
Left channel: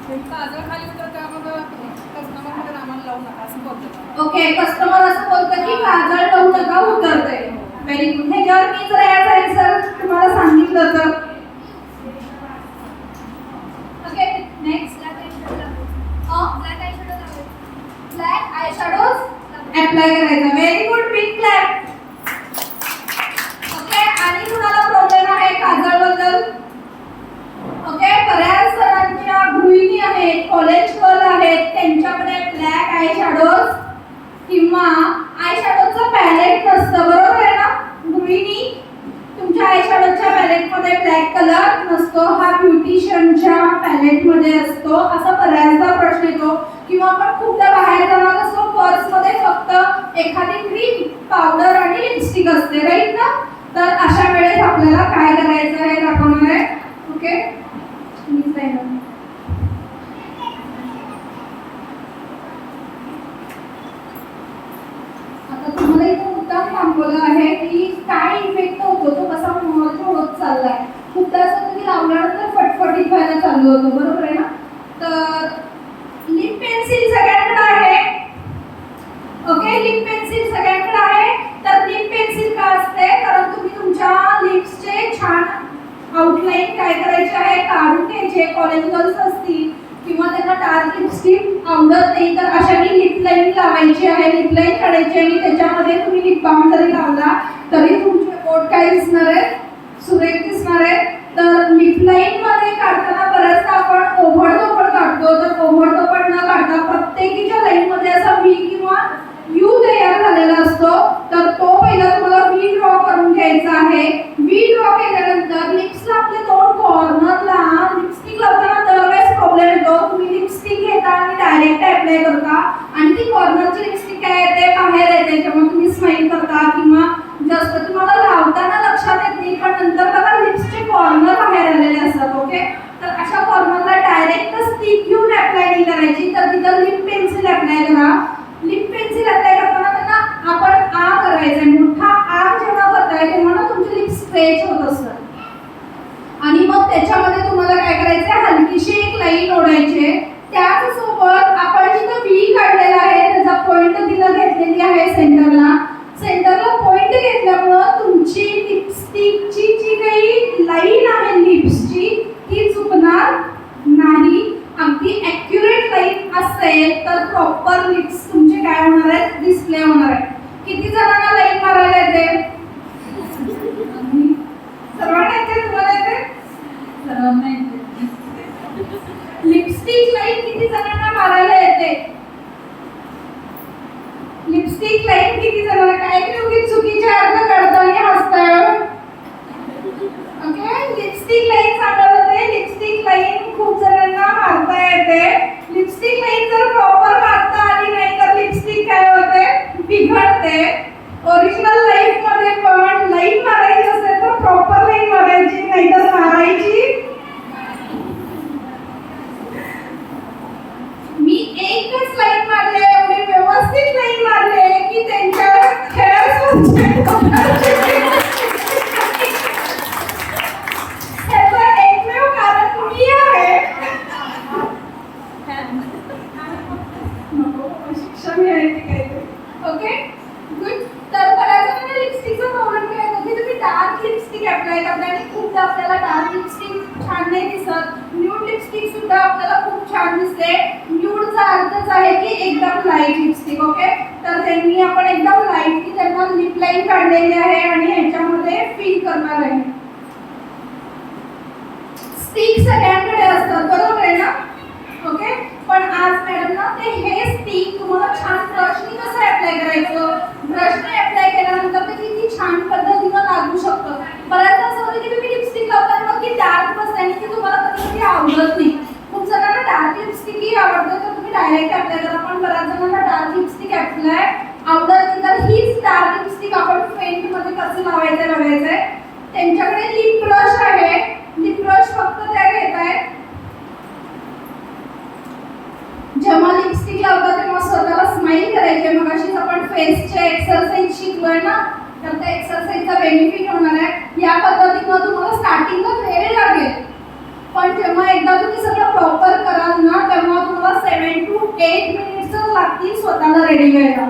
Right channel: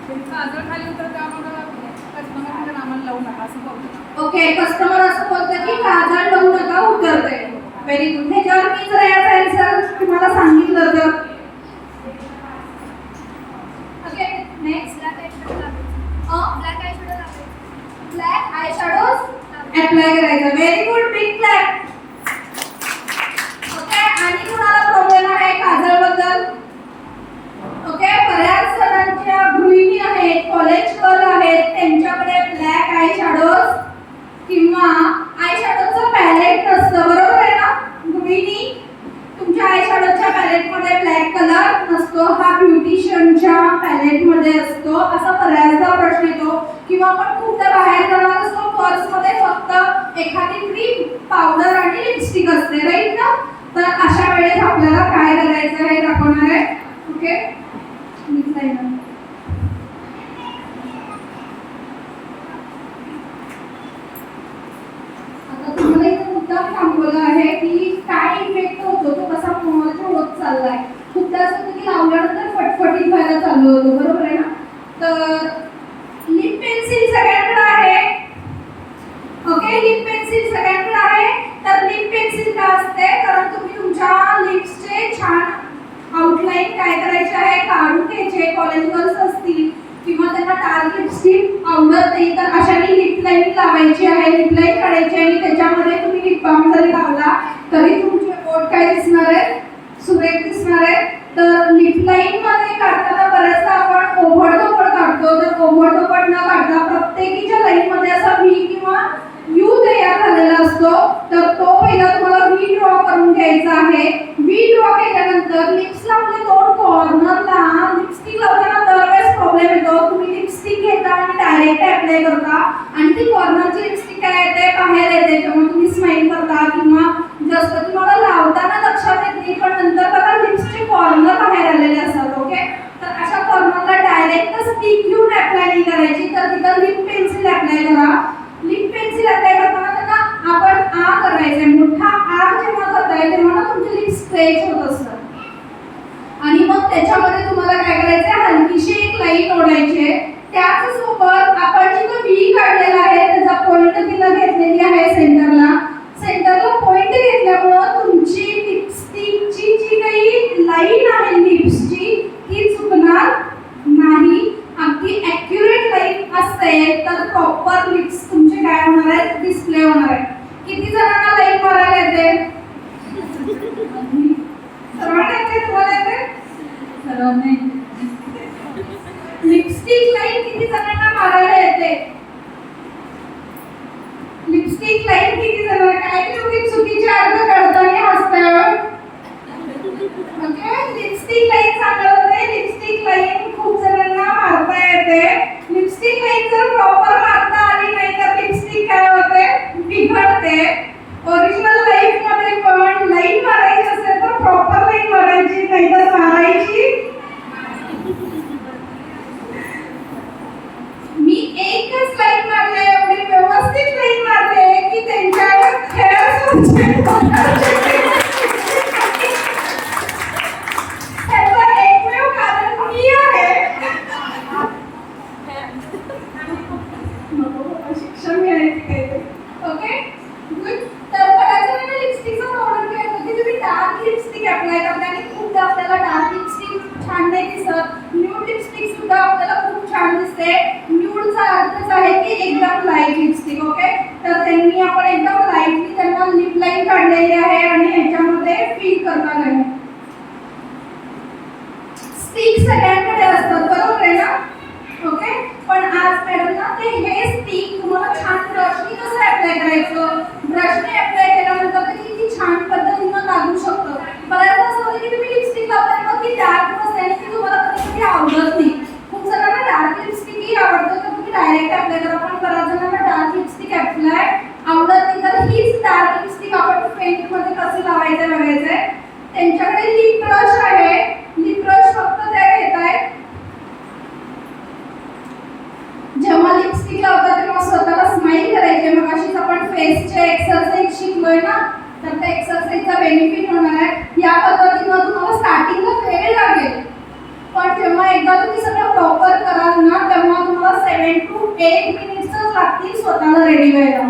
काजळ खाली उतरतं मग कस्टमर आम्हाला लावू नका असं बोलतो. ओके कस्टमर असं बोलतं की काजळ लावू नका उतरते. Very good. ह्याच्यावर मी जर याचा आन्सर तुम्हाला सांगितलं तर. Okay next black eye shadows apply करायचा. Very good big clap. Okay आणि तुम्हाला प्रॉब्लेम आहे काजळ बद्दल. ओके बऱ्याच जणांच्या गृहिणी आहेत कॉलेज गर्ल आहेत त्यांच्याकडे ब्लॅक आय शॅडोज किंवा आय शॅडोजचं पॅलेट नसतं बरोबर आहे ना. गृहिणी तुमच्या आय शॅडोजच्या पॅलेट मध्ये ब्लॅक कलर नसतो. हा ब्युटिशियनच्या पॅलेट मध्ये असतो. असा बऱ्याचदा प्रश्न येतो किंवा आपण खूपदा बाहेर जाणार असतो पर्स मध्ये फक्त एखादी क्रीम पावडर आणि लिपस्टिक असते राईट ना. तर अशा वेळेस आपल्याला काय करायचं हे दाखवणार आहे. ओके आता तुम्हाला इथं मुद्दा थांबवला आहे की काय इफेक्ट होतो तो कसा मोहल्ला होत चाललाय. खूपदा असं होतं की लावल्यानंतर फटफटीत व्हायला चालू होतं बरोबर आहे ना. तर लिप पेन्सिल सगळ्यांकडे आहे. ओके लिप पेन्सिल सगळ्यांकडे आहे. तर लिप पेन्सिल का असते कारण तुम्ही तुमच्या लिप्सचे छान आउटलाईन काय करायचे आहे काढून घ्यायचे. कॉलेज गर्ल्स असतील किंवा त्यांना डार्क लिपस्टिक आवडत नाही तर अशाने लिप लाईन लावायची आहे. लिप लाईन काढायची आणि त्याच्यामध्ये तुम्ही लिप बाम जरी लावला तरी तुमचे ओठ काय दिसणार आहे सुरेख दिसणार आहे. तर लिप लाईन मध्ये काढताना बऱ्याचदा आपण ओव्हरडोपड काढतो. तर ओव्हरडोपड न काढता प्रत्येकीच्या लाईन मध्ये असा व्ही किंवा यू तयार झालेला असतो. तर तो पहिला तुम्हाला व्ही ड्रॉ करून घ्यायचा आहे. व्ही ड्रॉ केल्यानंतर लिप्सला आपले दोन कॉर्नरला लिपस्टिक लावताना दरवेळेस प्रॉब्लेम येतो. तुम्ही लिपस्टिक घेता आणि डायरेक्ट अप्लाय करता आणि ती कॉर्नरची लिपस्टिक काय येते बाहेर येते. तेव्हा तुम्ही स्माइल करता किंवा जास्त तुम्हाला लावताना लक्षात येत नाही होत असतं. आणि मग त्याच्यामध्ये तुम्हाला काय करायचं, हलकीशी एक लाईन ओढायची. त्याचसोबत आपण जिथं व्ही काढलेला आहे त्याचा पॉइंट तिथं घेतलेली आहे सेंटरला पॉइंट घेतल्यामुळं तुमची लिपस्टिकची जी काही लाईन आहे लिप्सची ती चुकणार नाही. अगदी ॲक्युरेट लाईन असेल तर प्रॉपर लिप्स तुमचे काय होणार आहेत, डिस्प्ले होणार आहे. किती जणांना लाईन मारायला येते? सर्वांना येते? तुम्हाला येते? सर्वांना येते. लिपस्टिक लाईन किती जणांना मारायला येते? लिपस्टिक लाईन किती जणांना? काय तुम्ही चुकीचे अर्थ काढताना हसताय. ओके, लिपस्टिक लाईन सांगत होते. लिपस्टिक लाईन खूप जणांना मारता येते. लिपस्टिक लाईन जर प्रॉपर मारता आली नाही तर लिपस्टिक काय होते, बिघडते. ओरिजिनल लाईफ मध्ये पण लाईन मारायची असेल तर प्रॉपर लाईन मारायची, नाही तर मारायची. मी एकच लाईन मारले, एवढी व्यवस्थित लाईन मारले की त्यांच्यावर खेळ ह्याचं एकमेव कारण मी आहे. शिक्षण घ्यायची काही. Okay good. तर बघायचं म्हणजे लिपस्टिकचं प्रमाण काय होतं की तुम्ही डार्क लिपस्टिक अप्लाय करता आणि खूपदा आपल्याला डार्क लिपस्टिक छान नाही दिसत. न्यूड लिपस्टिक सुद्धा आपल्याला खूप छान दिसते. न्यूडचा अर्थच आहे की एकदम लाईट लिपस्टिक. ओके, तर त्यांनी आपण एकदम लाईटली त्यांना लिप लाईन काढलेली आहे आणि ह्याच्यामध्ये फिल करणार आहे. स्टिक सगळ्यांकडे असतात बरोबर आहे ना? ओके, पण आज मॅडम ना ते हे स्टिक तुम्हाला छान ब्रशनी कसं अप्लाय करायचं, ब्रशने अप्लाय केल्यानंतर ते किती छान पद्धतीनं लागू शकतं. बऱ्याचदा असं होतं की तुम्ही लिपस्टिक लावताना मग ती डार्क बसते आणि ती तुम्हाला कधी आवडत नाही. खूप जणांना डार्क लिपस्टिकही आवडतं तर तुम्ही डायरेक्ट अप्लाय करा. पण बऱ्याच जणांना डार्क लिपस्टिक अप्लाय आवडत नाही तर हीच डार्क लिपस्टिक आपण पेंट मध्ये कसं लावायचं बघायचंय. त्यांच्याकडे लिप ब्रश आहे. लिप ब्रश फक्त त्या घेत आहेत. जेव्हा लिपस्टिक लावता तेव्हा स्वतःला स्माइल करायचे. मग अशीच आपण फेसचे एक्सरसाइज शिकलोय ना, तर त्या एक्सरसाइजचा बेनिफिट होणार आहे. या पद्धतीनं तुम्हाला स्टार्टिंगला वेळ लागेल, पण जेव्हा एकदा तुम्ही सगळं प्रॉपर कराल ना तेव्हा तुम्हाला 7 to 8 मिनिट्स लागतील स्वतःला रेडी व्हायला.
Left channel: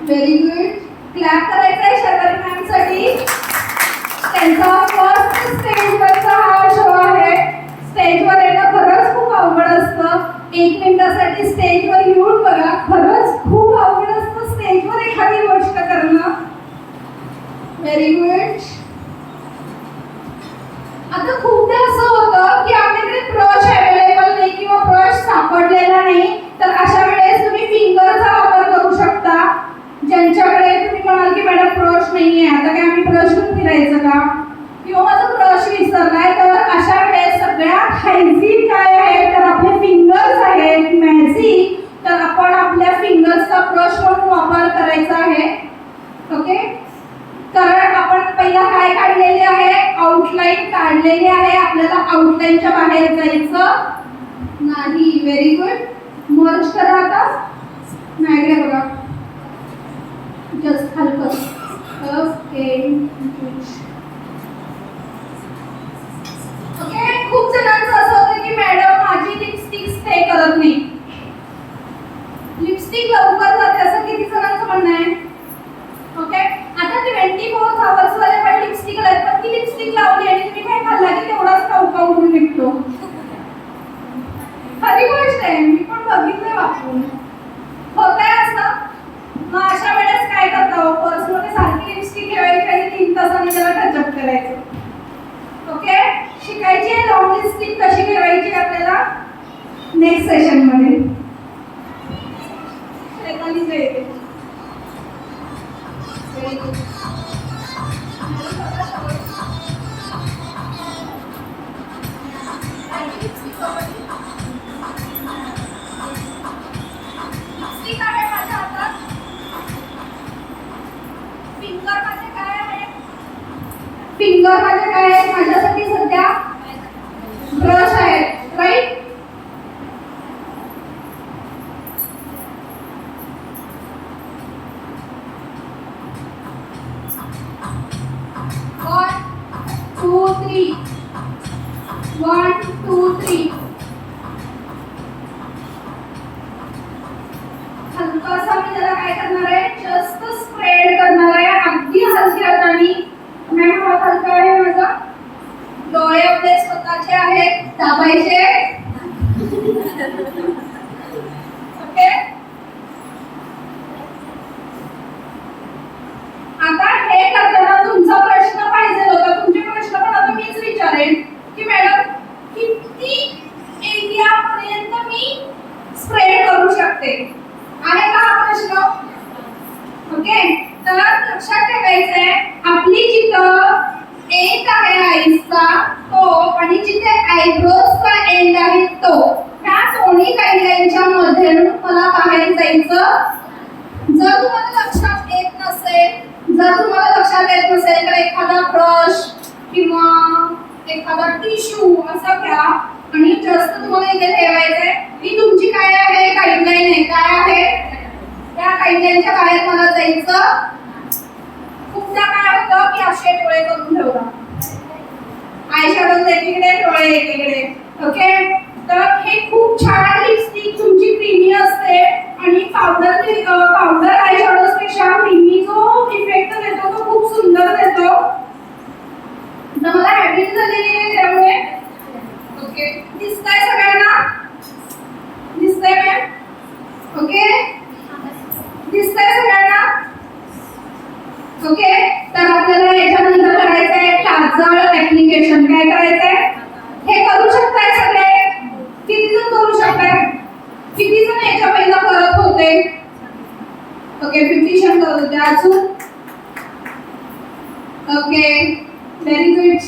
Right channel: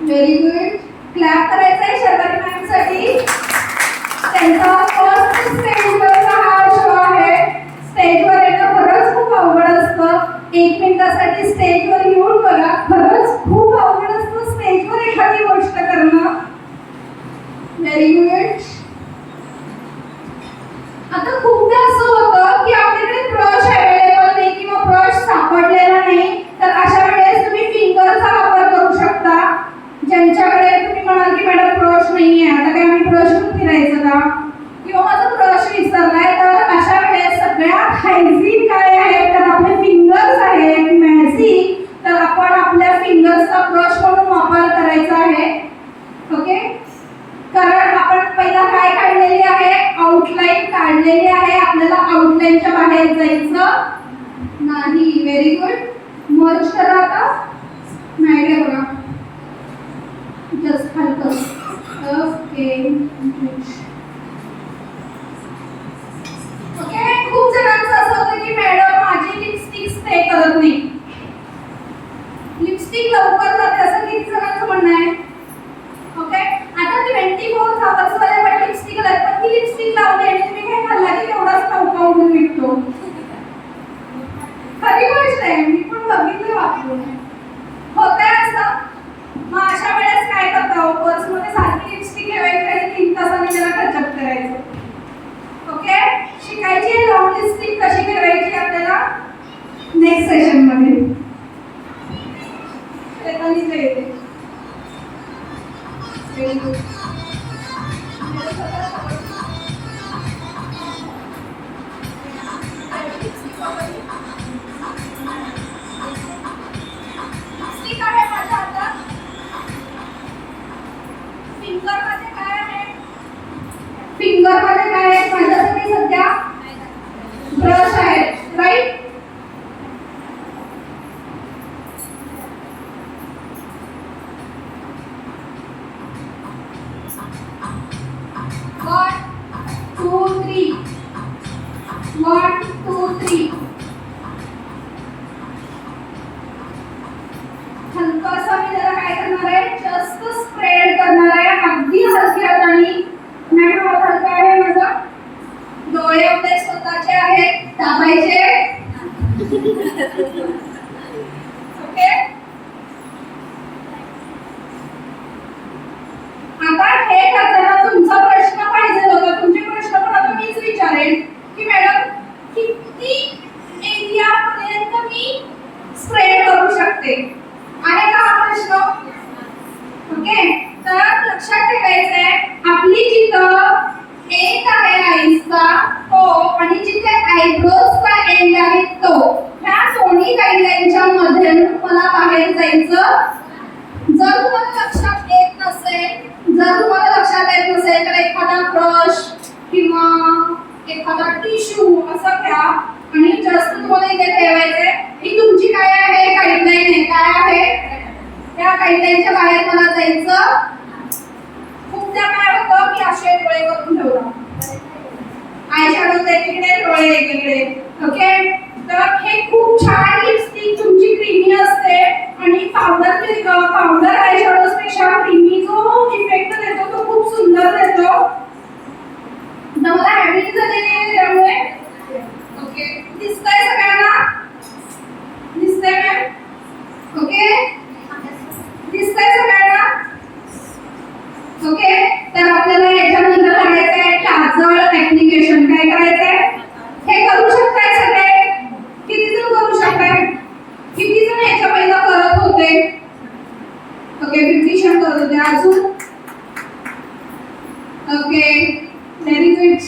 Very good. क्लॅप करायचं आहे शर्वरी मॅम साठी. त्यांचा फर्स्ट स्टेजवरचा हा शो आहे. स्टेजवर येणं खरंच खूप अवघड असतं. 1 मिनिटासाठी स्टेजवर येऊन बघा, खरंच खूप अवघड असतं स्टेजवर एखादी गोष्ट करणं. Very good. आता खूपदा असं होतं की आपल्याकडे ब्रश अवेलेबल नाही किंवा ब्रश सापडलेला नाही, तर अशा वेळेस तुम्ही फिंगरचा वापर करू शकता. ज्यांच्याकडे तुम्ही म्हणाल की मॅडम ब्रश नाहीये, आता काय आम्ही ब्रश घेऊन फिरायचं का, किंवा माझा ब्रश विसरलाय, तर अशा वेळेस सगळ्यात हायजीन काय आहे तर आपले फिंगर्स आहेत मॅजिक. तर आपण आपल्या फिंगर्सचा ब्रश म्हणून वापर करायचा आहे. ओके, कारण आपण पहिला काय काढलेली आहे, आउटलाईन काढलेली आहे. आपल्याला आउटलाईनच्या बाहेर जायचं नाही. Very good. मर्ज करा आता. नाही बघा, जस्ट हलकं. Okay okay. खूप जणांचं असं होतं की मॅडम माझी लिपस्टिक स्टे करत नाही, लिपस्टिक लवकर जाते, असं किती जणांचं म्हणणं आहे. ओके, आता 24 आवर्स मध्ये पण लिपस्टिक लावते, पण ती लिपस्टिक लावली आणि तुम्ही काय खाल्ला की तेवढाच टवका उडून निघतो. खरी गोष्ट आहे, मी पण बघितले वापरून. होतंय असं. मग अशा वेळेस काय करता हो, पर्समध्ये सारखी लिपस्टिक ठेवायची आणि 3 तासांनी त्याला टचअप करायचं. ओके, शिकायची आहे लॉंग लिपस्टिक कशी ठेवायची आपल्याला नेक्स्ट सेशन मध्ये. येते. Very good. लिपस्टिक आहे माझ्या हातात. फिंगर मध्ये काय आहे, फिंगर मध्ये काय आहे माझ्यासाठी सध्या ब्रश आहे, राईट. 2 3 1 2 3 हलकासा मी जरा काय करणार आहे जस्ट स्प्रेड करणार आहे अगदी हलक्या हाताने मॅडम हात हलका आहे माझा डोळे आपले स्वतःचे आहेत दाबायचे ओके आता हे करताना तुमचा प्रश्न पाहिजे होता तुमचे प्रश्न पण आता मीच विचारेन की मॅडम किती एरिया पर्यंत मी स्प्रेड करू शकते आहे का हा प्रश्न ओके तर लक्षात ठेवायचं आहे आपली जिथं एक आहे आईसचा तो आणि जिथे आयब्रोजचा एंड आहे तो ह्या दोन्ही गाईडलाईनच्या मध्ये मला बाहेर जायचं जर तुम्हाला लक्षात येत नसेल तर एखादा ब्रश किंवा एखादा टिश्यू असं घ्या आणि जस्ट तुम्हाला इथे ठेवायचंय ही तुमची काय आहे गाईडलाईन आहे काय आहे त्या गाईडलाईनच्या बाहेर मला जायचं खूपदा काय होतं की असे डोळे करून ठेवला आय शॅडो एकीकडे डोळे एकीकडे ओके तर हे खूप छान लिपस्टिक तुमची क्रीमी असते आणि पावडर आय शॅडोज पेक्षा क्रीमी जो इफेक्ट देतो तो खूप सुंदर देतो तर मला हॅबिट झालेली आहे त्यामुळे ओके दिसतंय सगळ्यांना दिसतंय मॅम ओके दिसतंय सगळ्यांना ओके तर आपल्याला याच्यानंतर करायचं आहे काजळ ऍप्लिकेशन काय करायचंय हे करू शकताय सगळे किती जण करू शकताय किती जण याच्या पहिला करत होते ओके 50 जण करत होते अजून ओके व्हेरी गुड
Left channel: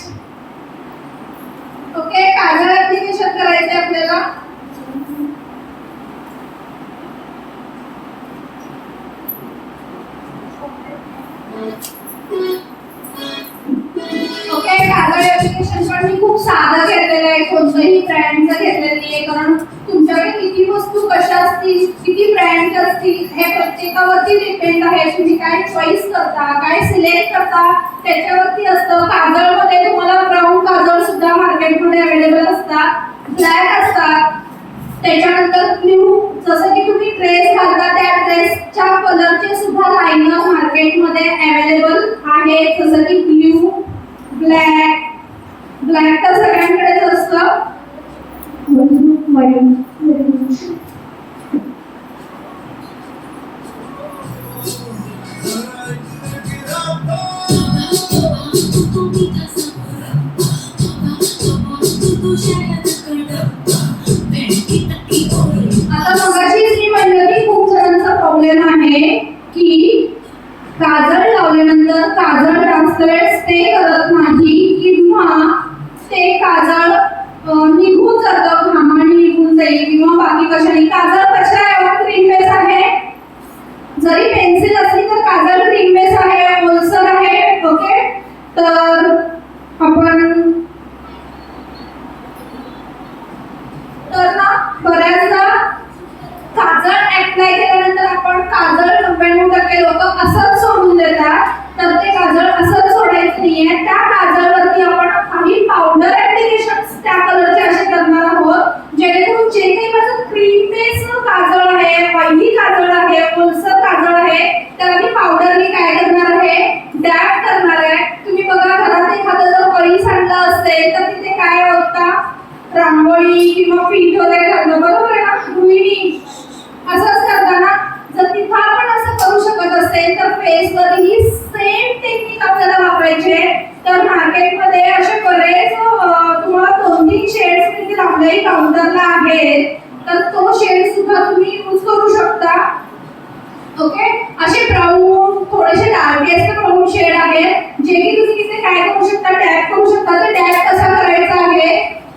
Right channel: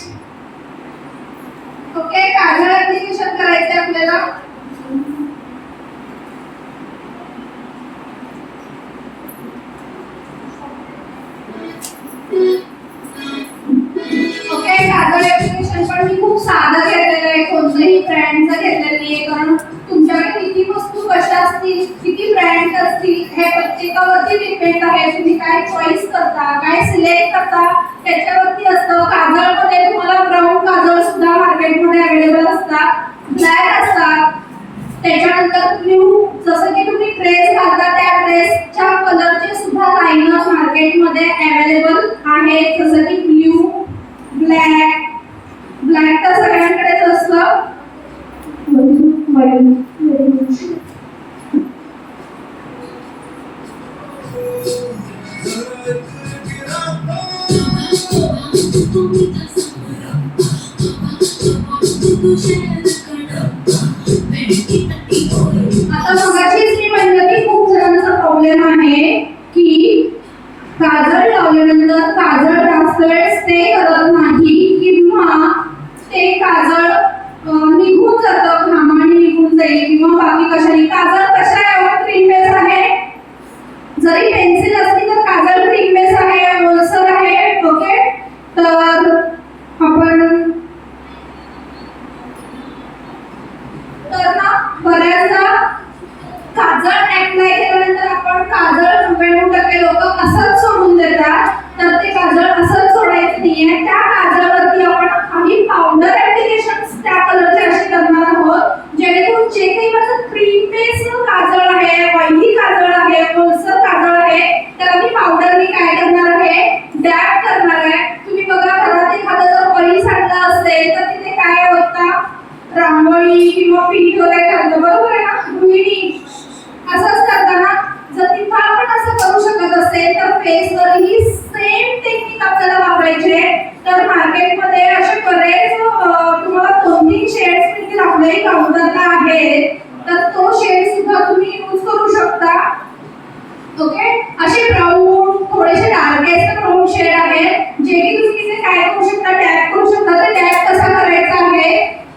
ओके काजळ ऍप्लिकेशन करायचंय आपल्याला ओके काजळ ऍप्लिकेशन पण मी खूप साधं घेतलेलं आहे कोणतंही ब्रँडचं घेतलेलं नाहीये कारण तुमच्याकडे किती वस्तू कशा असतील किती ब्रँड असतील हे प्रत्येकावरती डिपेंड आहे तुम्ही काय चॉईस करता काय सिलेक्ट करता त्याच्यावरती असतं काजळमध्ये तुम्हाला ब्राऊन काजळ सुद्धा मार्केटमध्ये अवेलेबल असतात ब्लॅक असतात त्याच्यानंतर ब्लू जसं की तुम्ही ड्रेस घालता त्या ड्रेसच्या कलरचे सुद्धा लाईनर मार्केटमध्ये अवेलेबल आहेत जसं की ब्लू ब्लॅक तर सगळ्यांकडेच असतं आता मगाशीच मी म्हणलं की खूप जणांचा प्रॉब्लेम आहे की काजळ लावल्यानंतर काजळ जास्त वेळ स्टे करत नाही किंवा ते काजळ निघून जातं घामाने निघून जाईल किंवा बाकी कशाने काजळ कशा आहे क्रीम बेस आहे जरी पेन्सिल असली तर काजळ क्रीम बेस आहे ओलसर आहे ओके तर आपण तर ना बऱ्याचदा काजळ अप्लाय केल्यानंतर आपण काजळ 99% लोक असंच सोडून देतात तर ते काजळ असंच सोडायचं नाहीये त्या काजळवरती आपण काही पावडर ऍप्लिकेशन्स त्या कलरचे असे करणार आहोत जेणेकरून जे काही माझं क्रीम बेस काजळ आहे ऑइली काजळ आहे ओलसर काजळ आहे त्याला मी पावडरनी काय करणार आहे डॅप करणार आहे तुम्ही बघा घरात एखादं जर ऑइल सांडलं असेल तर तिथे काय होतं रांगोळी किंवा पीठ वगैरे घालतो बरोबर आहे ना गृहिणी असंच करताना जर तिथं आपण असं करू शकत असेल तर फेसवरही सेम टेक्निक आपल्याला वापरायची आहे तर मार्केटमध्ये असे बरेच तुम्हाला 2-3 शेड्स देखील आपल्याही काउंटरला आहेत तर तो शेड सुद्धा तुम्ही यूज करू शकता ओके असे ब्राऊन थोडेसे डार्केस्ट ब्राऊन शेड आहेत जे की तुम्ही इथे काय करू शकता टॅप करू शकता तर टॅप कसा करायचा आहे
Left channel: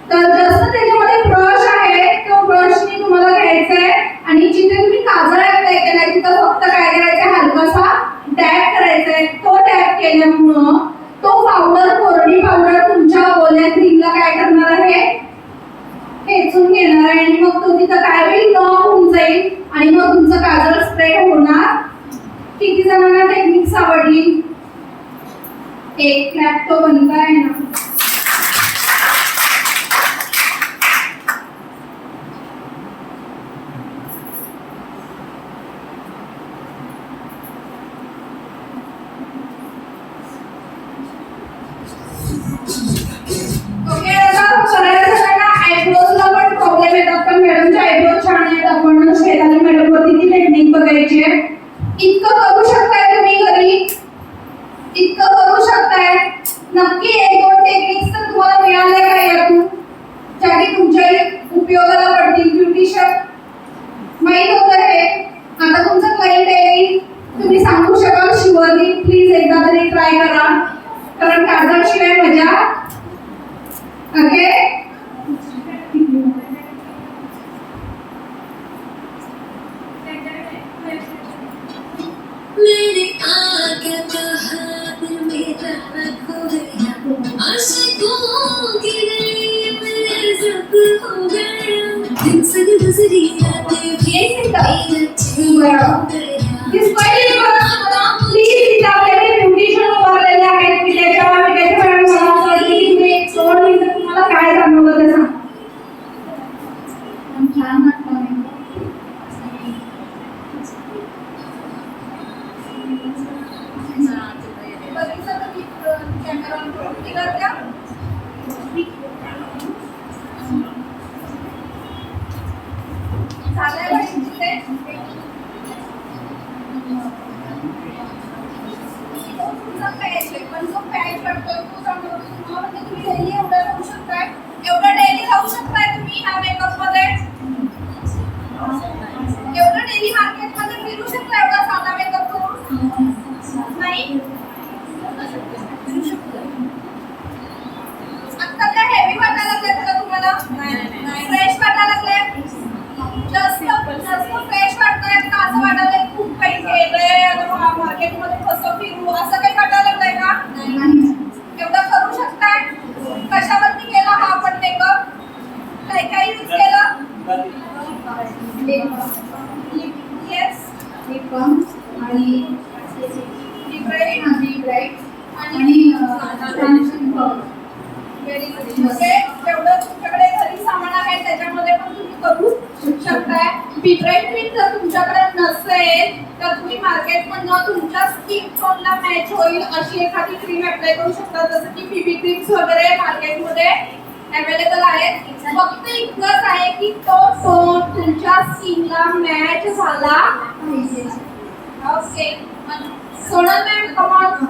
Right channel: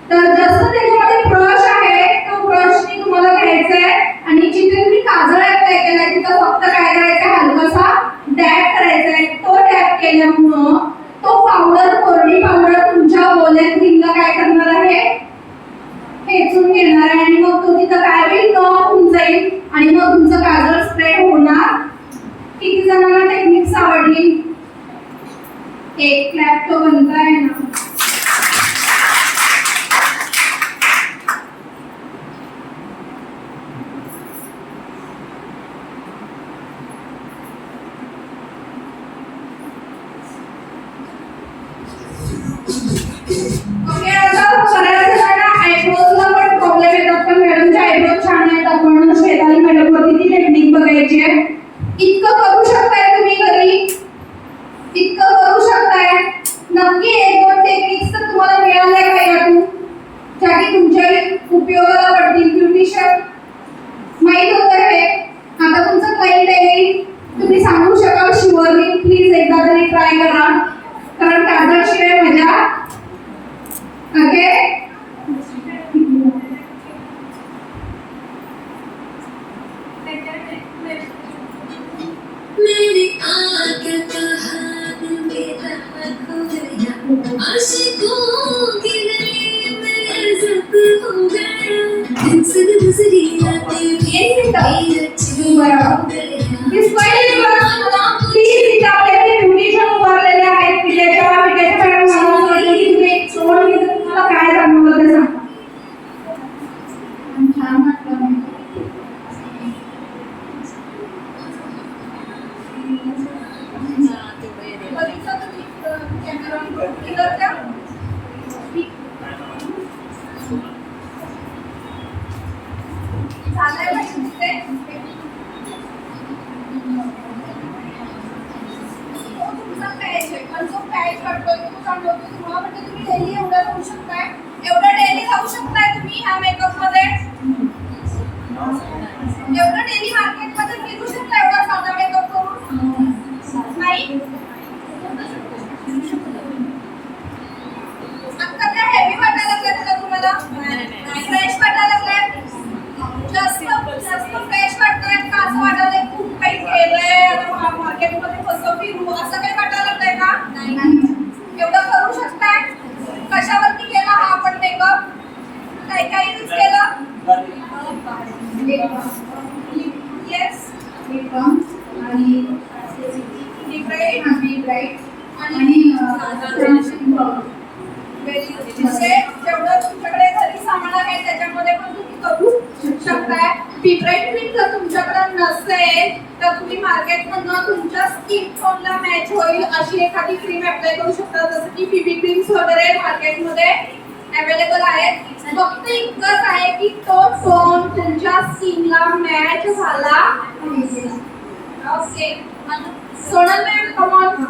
तर जसं त्याच्यामध्ये ब्रश आहे तो ब्रशने तुम्हाला घ्यायचा आहे आणि जिथे तुम्ही काजळ अप्लाय केलाय तिथं फक्त काय करायचं हलकासा डॅप करायचा आहे तो डॅप केल्यामुळं तो पावडर कोरडी पावडर तुमच्या ओल्या क्रीमला काय करणार आहे खेचून घेणार आहे आणि मग तो तिथं काय होईल लॉक होऊन जाईल आणि मग तुमचं काजळ स्प्रेड होणार किती जणांना टेक्निक्स आवडली एक क्लॅप तो बनता आहे ना ओके, आता बऱ्याच जणांना आयब्रोजला पण प्रॉब्लेम येतात का मॅडमचे आयब्रोज छान आहेत, आपण शेताली मॅडम वरती ती टेक्निक बघायची आहे. इतकं करू शकताय तुम्ही घरी, इतकं करू शकताय. नक्की एक दोन टेक्निक्स तर तुम्हाला मिळाल्या का यातून, ज्या की तुमच्या उपयोगाला पडतील. ब्युटिशियन माहित वगैरे आहे. आता तुमचं क्लायंट आहे, तुम्ही सांगू शकाल शुअरली प्लीज एकदा तरी ट्राय करा, कारण कागदाशिवाय मजा. ओके, मैंने आके कहा दिल मेरा खो गया, आशिकों की गली में जब हो गया, दिन से गुजरी रातें भी अच्छी हो गया. दिस पहिली गोष्ट प्लीज आपल्याकडे ब्युटिशियन उभारलेले आहेत की त्याच्यावर आम्ही त्याच्या मॅडम सांगितलं की तुम्ही एक सोड घेऊन तुम्हाला काय जाणवलं ते सांगा. छान वाटलं. बघितलं तुम्ही कॅमेरा क्लिअर का? झालंय म्हणजे तिथे तुमचा पॅच आहे, पण जो पॅच वाटतो तो सांगतो तुम्हाला, म्हणजे तुम्ही डेली एवढं राहू शकताय, एवढं डेली राहू शकताय तुम्ही ह्या मेकअप मध्ये, एवढं डेली मार्केट मध्ये फिरू शकता एवढा साधा मेकअप करून नाही. आता काय हेवी वाटायला लागलेत का तुम्हाला, फ्रेश वाटायला लागलेत, जास्त फ्रेश वाटतायत का, असं वाटायलंय खूप काही केलंय मार्केटमध्ये कसं फिरू असं काही वाटायला लागलंय का? एवढं करू शकताय. कशावरती केला हा आपण मेकअप, काय काय यूज केलं? येस, लिप बाम आणि ब्राईट आणि सनस्क्रीन पावडर. म्हणजे जेवढं तुमच्याकडे घरी सामान आहे त्याच्यामध्ये पण तुम्ही करू शकताय. पिब्राईट क्रीम जर तुमच्याकडे नसेल तर तुम्ही मार्केटमधनं तुमच्या स्किन टोनला मॅच होईल अशी एखादी क्रीम अप्लाय करू शकता, जसं की बीबी क्रीम्स वगैरे मार्केटमध्ये अवेलेबल आहेत. फक्त इतकंच आहे की तो टोन तुमच्या स्किनला मॅच झाला पाहिजे. Okay, Sonal ma'am come on.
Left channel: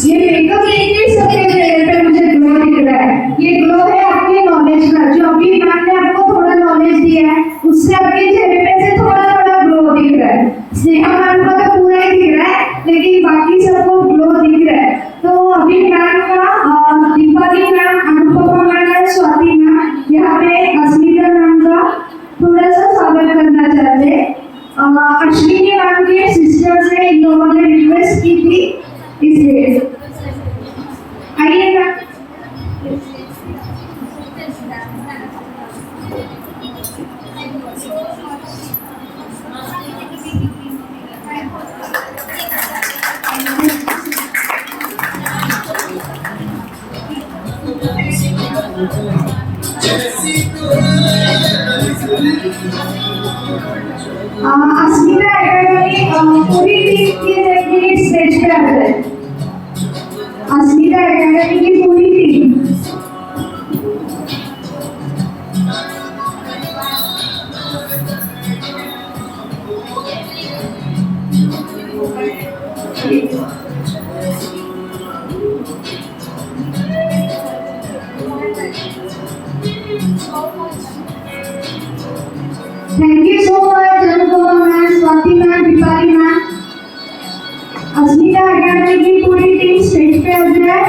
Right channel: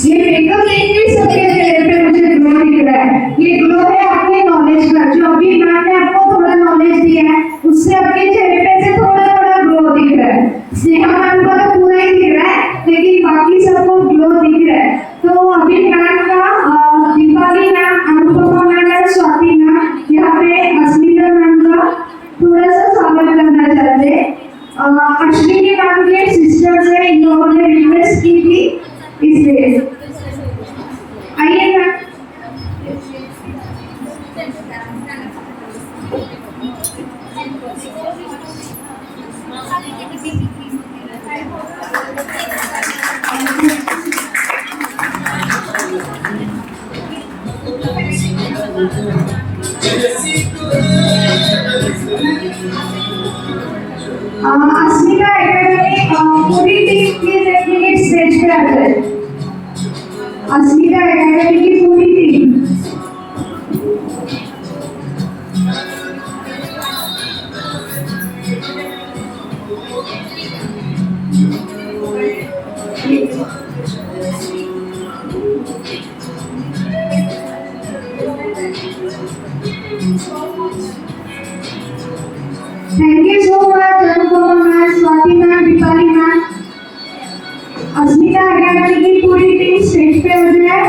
ये मेकअप लेके सबके चेहरे पे मुझे ग्लो दिख रहा है. ये ग्लो है आपकी नॉलेज का, जो अभी मैम ने आपको थोड़ा नॉलेज दिया है उससे आपके चेहरे पे से थोड़ा थोड़ा ग्लो दिख रहा है. स्नेहा मैम को तो पूरा ही दिख रहा है, लेकिन बाकी सबको ग्लो दिख रहा है. तो अभी मैम का दीपाली मैम, अनुपमा मैम और स्वाति मैम यहाँ पे अस्मिता मैम का थोड़ा सा स्वागत करना चाहते हैं. अश्विनी मैम के सिस्टर्स है, इन लोगों ने रिक्वेस्ट की थी इसलिए. आइए मैम. अस्मिता एकेडमी पूरी टीम की स्टेज पे आ जाए. अस्मिता एकेडमी की पूरी team. Thank you so much, Anupama ma'am, Swati ma'am, Dipali ma'am. Asmita academy की पूरी टीम स्टेज पे हो जाए.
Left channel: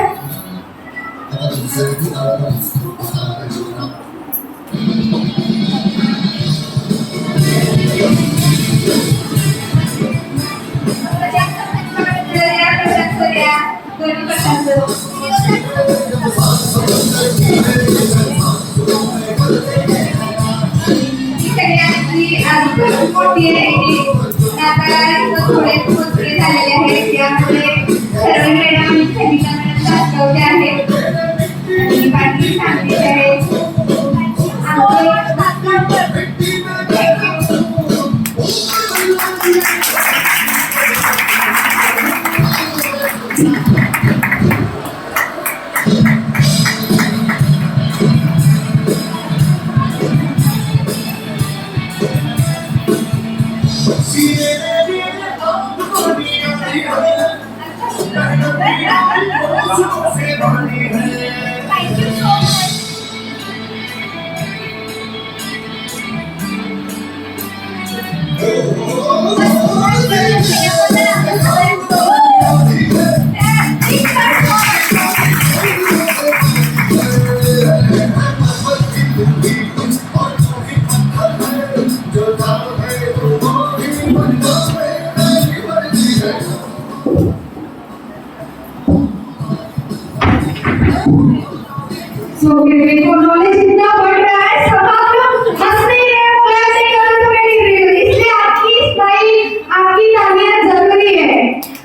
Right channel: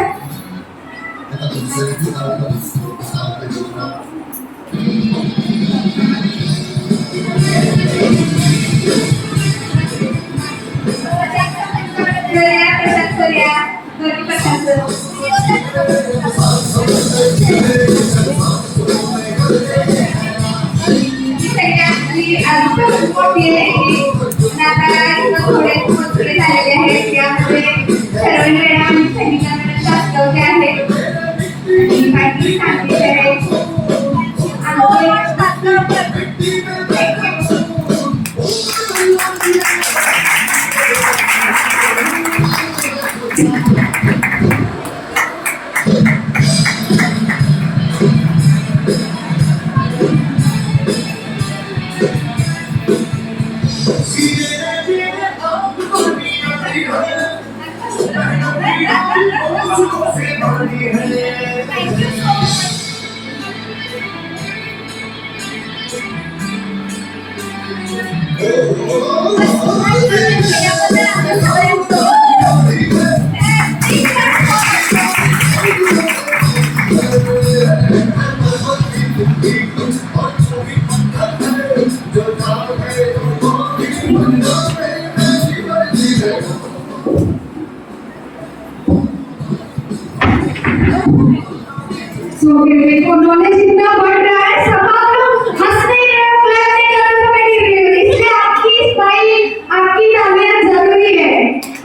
सो देखो नॉलेज इतना बढ़ रहा है, सब आप लोग हंसते हैं, बोलते हैं, कमेंट कर रहे हो, इसलिए आपकी स्माइल, आपकी तालियां जरूरी है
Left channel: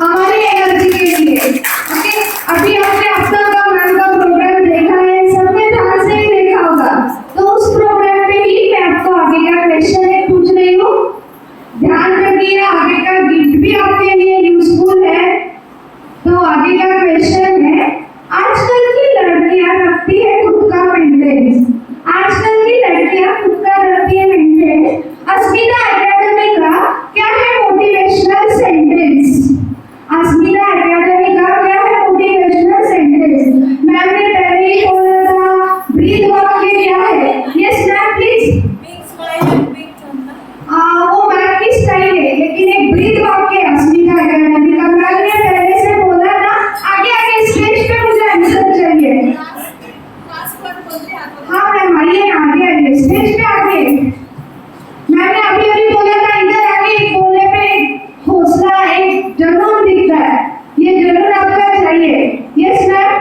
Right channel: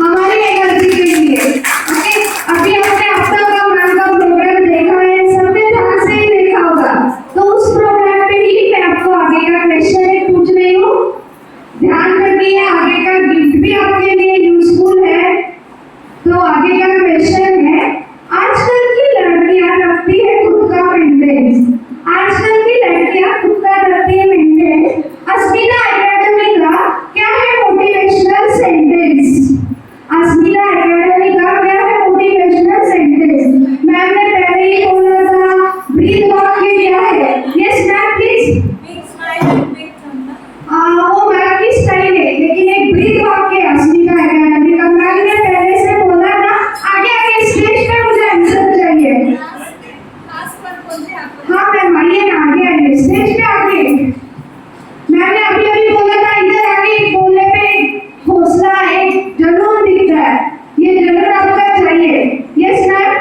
हमारी एनर्जी के लिए। ओके, अभी हमने अब तक का मैम का प्रोग्राम देखा है, सबने ध्यान से ही देखा होगा, तो उस प्रोग्राम में ही मैं आपको आगे का क्वेश्चन एक पूछ रही हूँ, ध्यान रखिए, आगे का गिफ्ट भी आपके लिए यूजफुल है। तो आगे का क्वेश्चन है, आजकल की लड़कियां रखती है खुद का मेंटेनेंस, आजकल की लड़कियां खुद का रखती है मेंटेनेंस। अस्मिता एकेडमी का क्या है मोटिवेशनल सेंटेंस? अस्मिता एकेडमी का क्या है मोटिवेशनल सेंटेंस? मैम ने पहले ही बोला था, ब्रीथ वाक्य क्या है? Yes ma'am please. वो मैम की स्टाइल है, लेकिन एक ब्रीथ वाक्य है अस्मिता एकेडमी का। मैम ने पहले से बोला था, आगे आगे स्टेज पे मुझे आंसर चाहिए। हाँ मैम आइए ना, आगे आइए, स्टेज पे आगे। मैंने अभी अभी बोला था, इधर आगे बोलने पे एक हौसला, एक जुनून दिखता है, ये जुनून आपका चाहिए। Yes ma'am.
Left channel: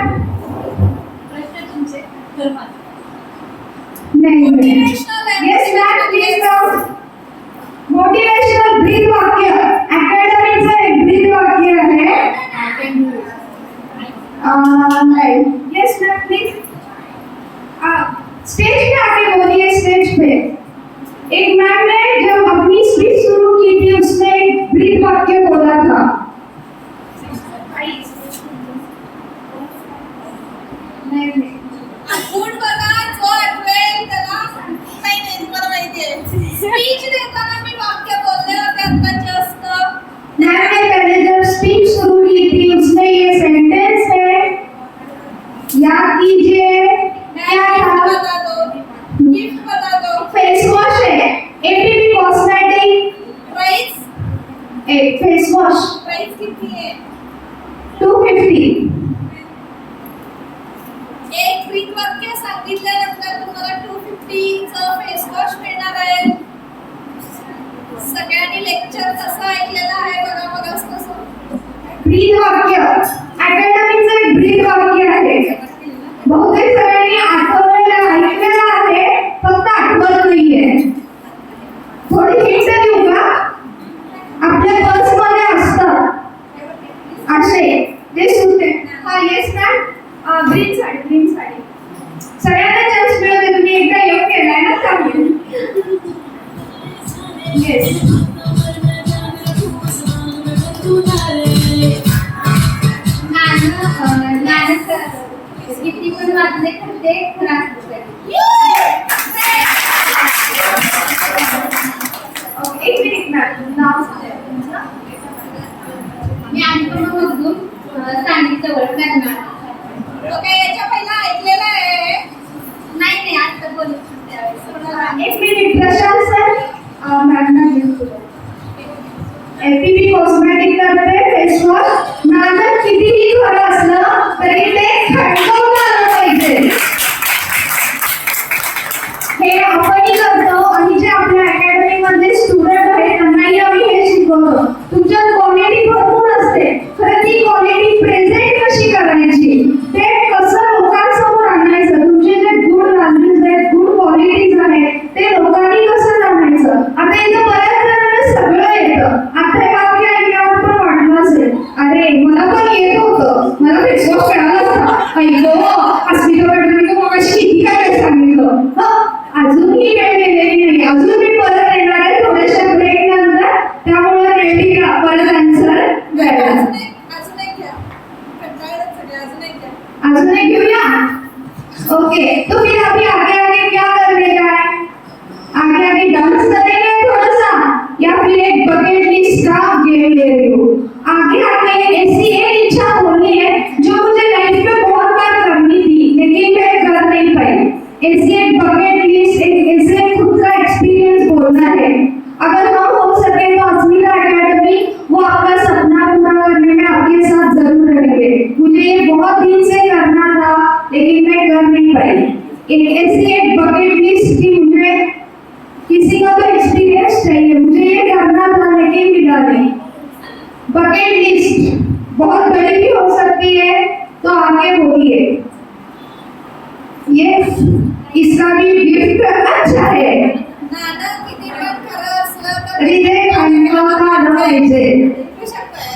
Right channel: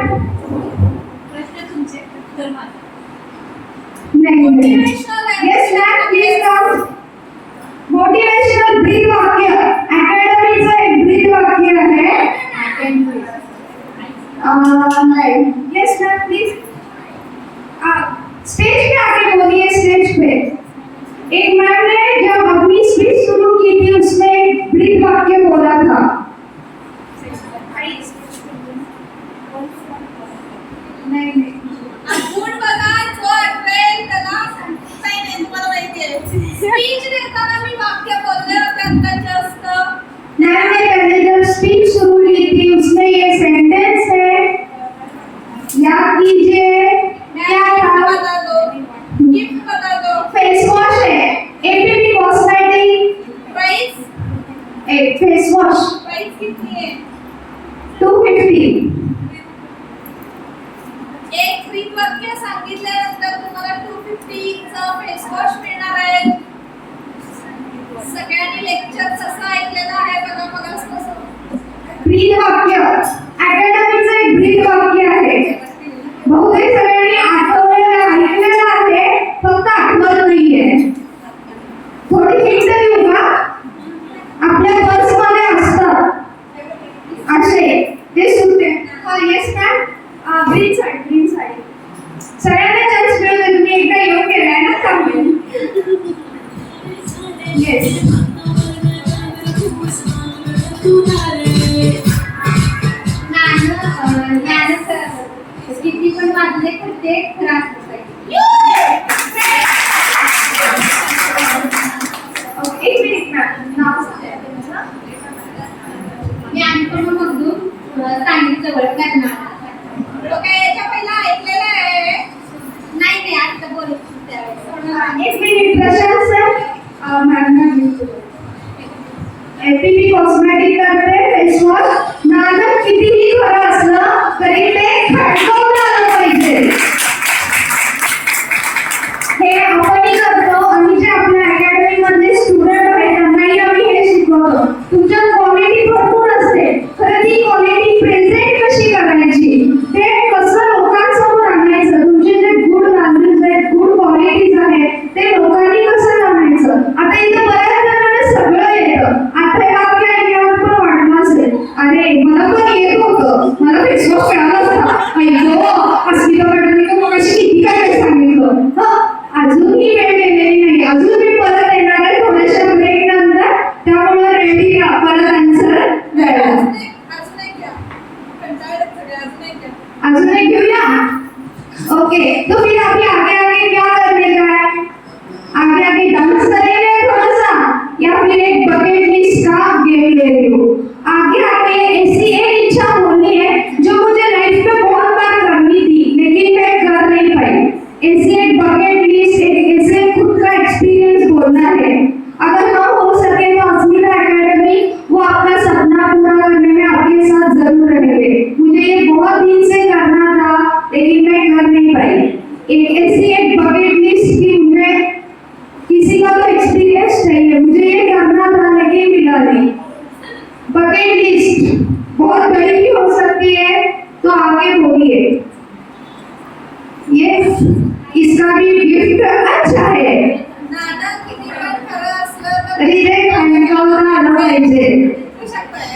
नहीं yes ma'am please come. Motivational breath वाक्य एकेडमी से एक ब्रीथ वाक्य है। Yes ma'am please. स्टेज पे आके बोलिए, स्टेज पे। एक मैम ने जब अपनी स्पीच शुरू की थी, उसमें एक ब्रीथ वाक्य बोला था। नहीं गुड बघा, जोर वेल त्याला नाही मला माहिती आहे, स्पीच देताना मी वाक्य बोलले होते आता जस्ट। मैम ने पहले जब स्पीच शुरू की थी, उसमें ये सेंटेंस है, याद कीजिए क्या था? बता दो, गिफ्ट बता दो। फेस वॉश है, एपीपी कॉस्मेटिक प्राइस, एक फेस वॉश प्राइस कितनी है? 250। एक ब्रीथ वाक्य सांगितल्यानंतर तुम्हाला 250 चा फेस वॉश मिळणार आहे। सगळ्यांनी लेक्चर कसं ऐकलेलं आहे बघा, बघा कसं ब्रीथ वाक्य एकेडमीचं एक ब्रीथ वाक्य आहे, बहुतेक सगळ्यांनी आठवलेलं ऐकलेलं आहे, फक्त आठवत नाहीये। थोडी हिंट देऊ का? आपल्या पर्समध्ये असतात असे ते सुटे। हा yes ma'am. Green sari, green sari. सगळ्यांना चान्स मिळतो, तुम्ही एकदा येऊन गेलाय ना त्यामुळे। येस किती पण वाजले पण ते त्रास होत आहे। एक मिनिट मॅम, नाव सांगा तुमचं। मी अनुभवामधून सांगितलं करणार। लोक याच्या पहिला ऐकलेलं आहे, नाही आता बोलत त्यावेळेस। एक मिनिट प्रशांत सर, मॅम ना घेऊ। एपीपी कॉस्मेटिक करते फेस वॉश, नाजर कितीही खरं असलं तरी ते खडकवून आलं पाहिजे। हे आपणही करतो आणि जे आपल्या अकॅडमीमध्ये स्टुडंट आहेत त्यांनाही आम्ही हे शिकवतो। तुमच्यात क्वालिटी भरपूर असते, खरं ती क्वालिटी प्रेझेंट कशी करायची, ते कसं लोकांसमोर आणायचं, तुमचे जे गुड व्हॅल्यूज आहेत, गुड क्वालिटीज आहेत, ते लोकांनी कसं आणायचं। आता इथं बऱ्याच जणांना सगळं येतं, आता हे वाक्य ऐकल्यावर पण वाटलं असेल, अरे मला पण येत होतं, मला फेस वॉश कळालं होतं, ऐकलं अस्मिता मॅडमने तर मग किती काय सांगितलं। अजूनही वेळ गेलेली नाही, अजून मी परत येणार आहे थोड्याशा ब्रेक नंतर, त्यामुळे रेडी राहा परत आन्सर द्यायला। अजून एक घेऊया। ओके, तो फिर अभी आगे आगे क्या करने का है? आगे आगे डांस करेंगे थोड़ा सा, या फिर एक बकेट लिस्ट का गेम ले रही हो? आगे आगे ऐसी एक इच्छा बोलनी है जो मुझे लाइफ में बहुत बार करनी थी लेकिन मैं कर नहीं पाई। ऐसी एक बकेट लिस्ट, ऐसे खुद का एक्सपीरियंस बोलना है। अगर ना हो सके तो अस्मिता एकेडमी वो आपका सपना पूरा करने में आपके साथ जरूर रहेंगे। मुझे ये बहुत दिन से करना था लेकिन मैं कर नहीं पाई। एक ऐसी एक बकेट लिस्ट की मुझे किसी का तो एक्सपीरियंस चाहिए, मुझे ये करना था लेकिन मिला नहीं। बकेट लिस्ट बहुत बड़ी भी हो सकती है, तो आगे बोलिए। ये इसका भी गिफ्ट अच्छा है। दादा किती पण खरं असलं तर हृदय खाण्याला आलं पाहिजे। भेटू शकतंय.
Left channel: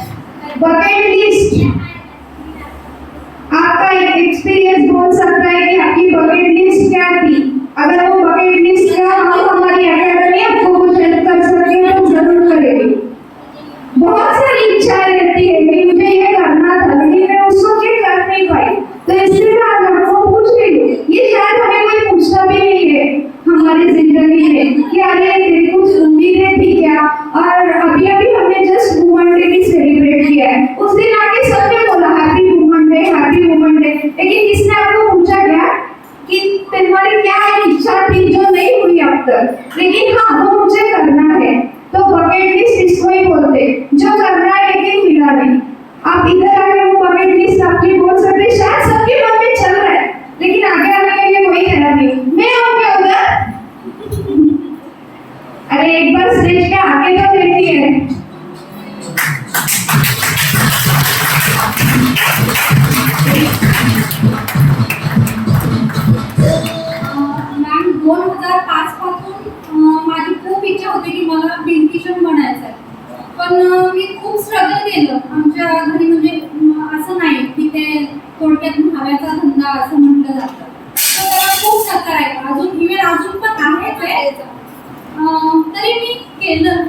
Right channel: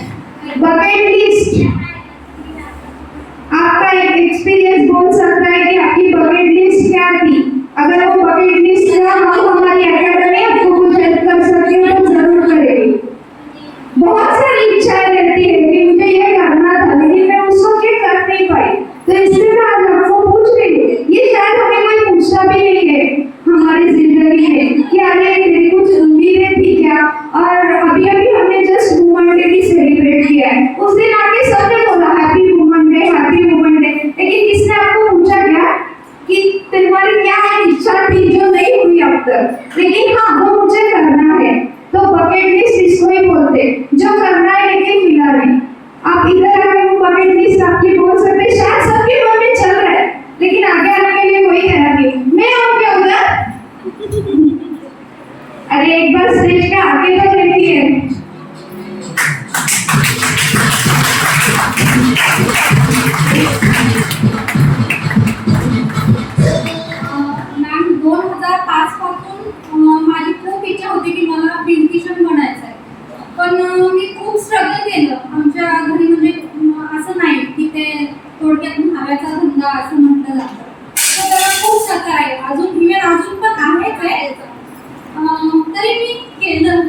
बकेट लिस्ट आपका एक एक्सपीरियंस बोल सकता है कि आपकी बकेट लिस्ट क्या थी। अगर वो बकेट लिस्ट का हम हमारी अकेडमी आपको कुछ हेल्प कर सकते हो तो जरूर करेंगे। बहुत सारी इच्छाएं रहती है कि मुझे ये करना था लेकिन मैं उस वक्त ये कर नहीं पाई, तो इसलिए मैं आज आपको पूछ रही हूँ। ये शायद हमें कोई पूछता भी नहीं है हमारी जिंदगी में कि अरे तेरी कुछ उम्मीदें थी क्या। और अभी अभी हमने जस्ट वुमन डे भी सेलिब्रेट किया है, उस दिन आके सबने बोला happy woman day, happy woman day, लेकिन किसने आपको पूछा क्या कि तुम्हारी क्या एक इच्छा थी जो नहीं हुई अब तक, लेकिन हाँ वो मुझे करना है। तो बकेट लिस्ट इसको ही बोलते जो करना है लेकिन मिला नहीं। आप इधर आके वो बकेट लिस्ट आपकी बोल सकते, शायद सबके मन में चल रहा है लेकिन आगे आने के लिए कोई कह नहीं। मैं आऊँ क्या उधर? अरे एक बार स्टेज के आगे तो देखिए। मॅम 2005 पासून माझी खूप इच्छा होती की मला ब्युटिशियन बनायचं आहे, पण मी खूप स्ट्रगल केलं। आमच्या घरी म्हणजे असं नाही की ते थोडक्यात हव्याचा धंदा असं म्हटलं जातं, तर त्याला खूप नकार आहे, अजून इव्हन अजून पण आहेच आहे। तरी मी केलं,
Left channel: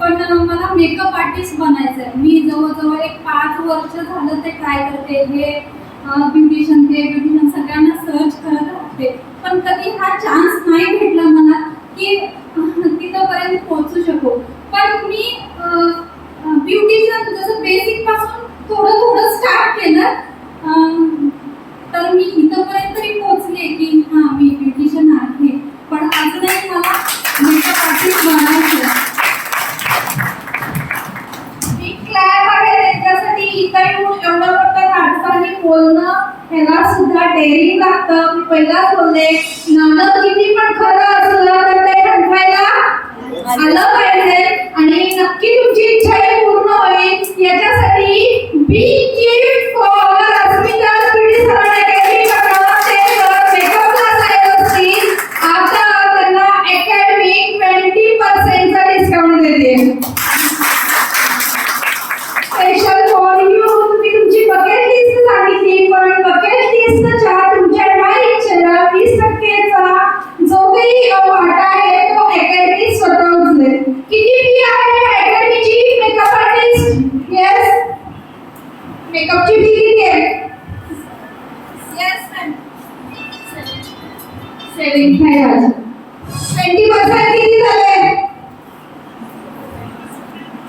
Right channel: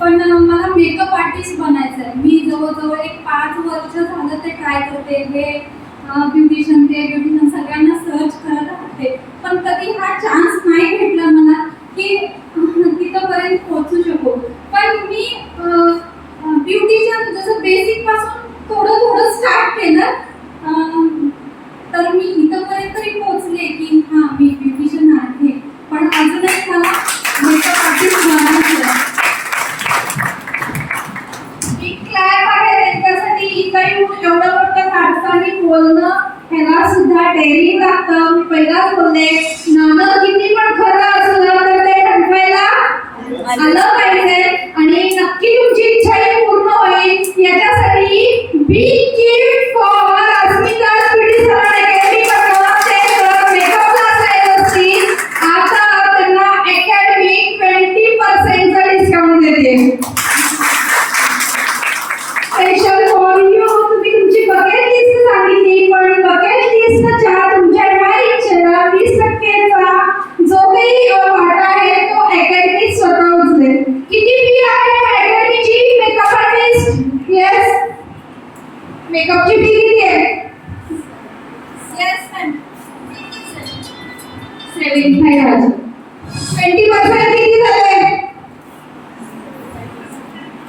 पण मला मेकअप आर्टिस्ट बनायचं आहे। मी जवळजवळ एक 5 वर्ष झालं ते ट्राय करते, हे ब्युटिशियन सगळ्यांना सर्च करत राहते, पण कधी हा चान्स नाही भेटला मला की तिथपर्यंत पोहोचू शकू। पण मी ब्युटिशियन जसं बेसिक पासून थोडं थोडं स्टार्ट केलं, तर मी इथपर्यंत तरी पोहोचले की हां मी ब्युटिशियन आहे, पण अजूनही मला मेकअप आर्टिस्ट बनायचं आहे। बिग क्लॅप आहे त्याच्यासाठी। इकडे एवढं मोठं धाडसाने बोलणं ह्याला सुद्धा डेअरिंग लागतं। मी पहिलाच बोलले, नाणं किती पण खरं असलं तर ते ठणकायला आलं पाहिजे आणि नक्की तुमची इच्छाही पूर्ण होईल। याच्यासाठी big gift for Asmita studio सरांना अकॅडमी पटकावते मेकअप क्लास आहे असतील, आता त्यांना अकॅडमी 20% चा डिस्काउंट देते। Special for you. तुम्ही तुमची बकेट लिस्ट सांगितली, पण बकेट लिस्टच्या तुमच्या इच्छेला 20% चा जो काही वाटा आहे तो अकॅडमी स्वतः उचलेल। किती फी आहे अकॅडमीची मेकअप आर्टिस्ट? येस, मेकअपची फी किती आहे? Yes ma'am, 75,000। 20% किती झाले?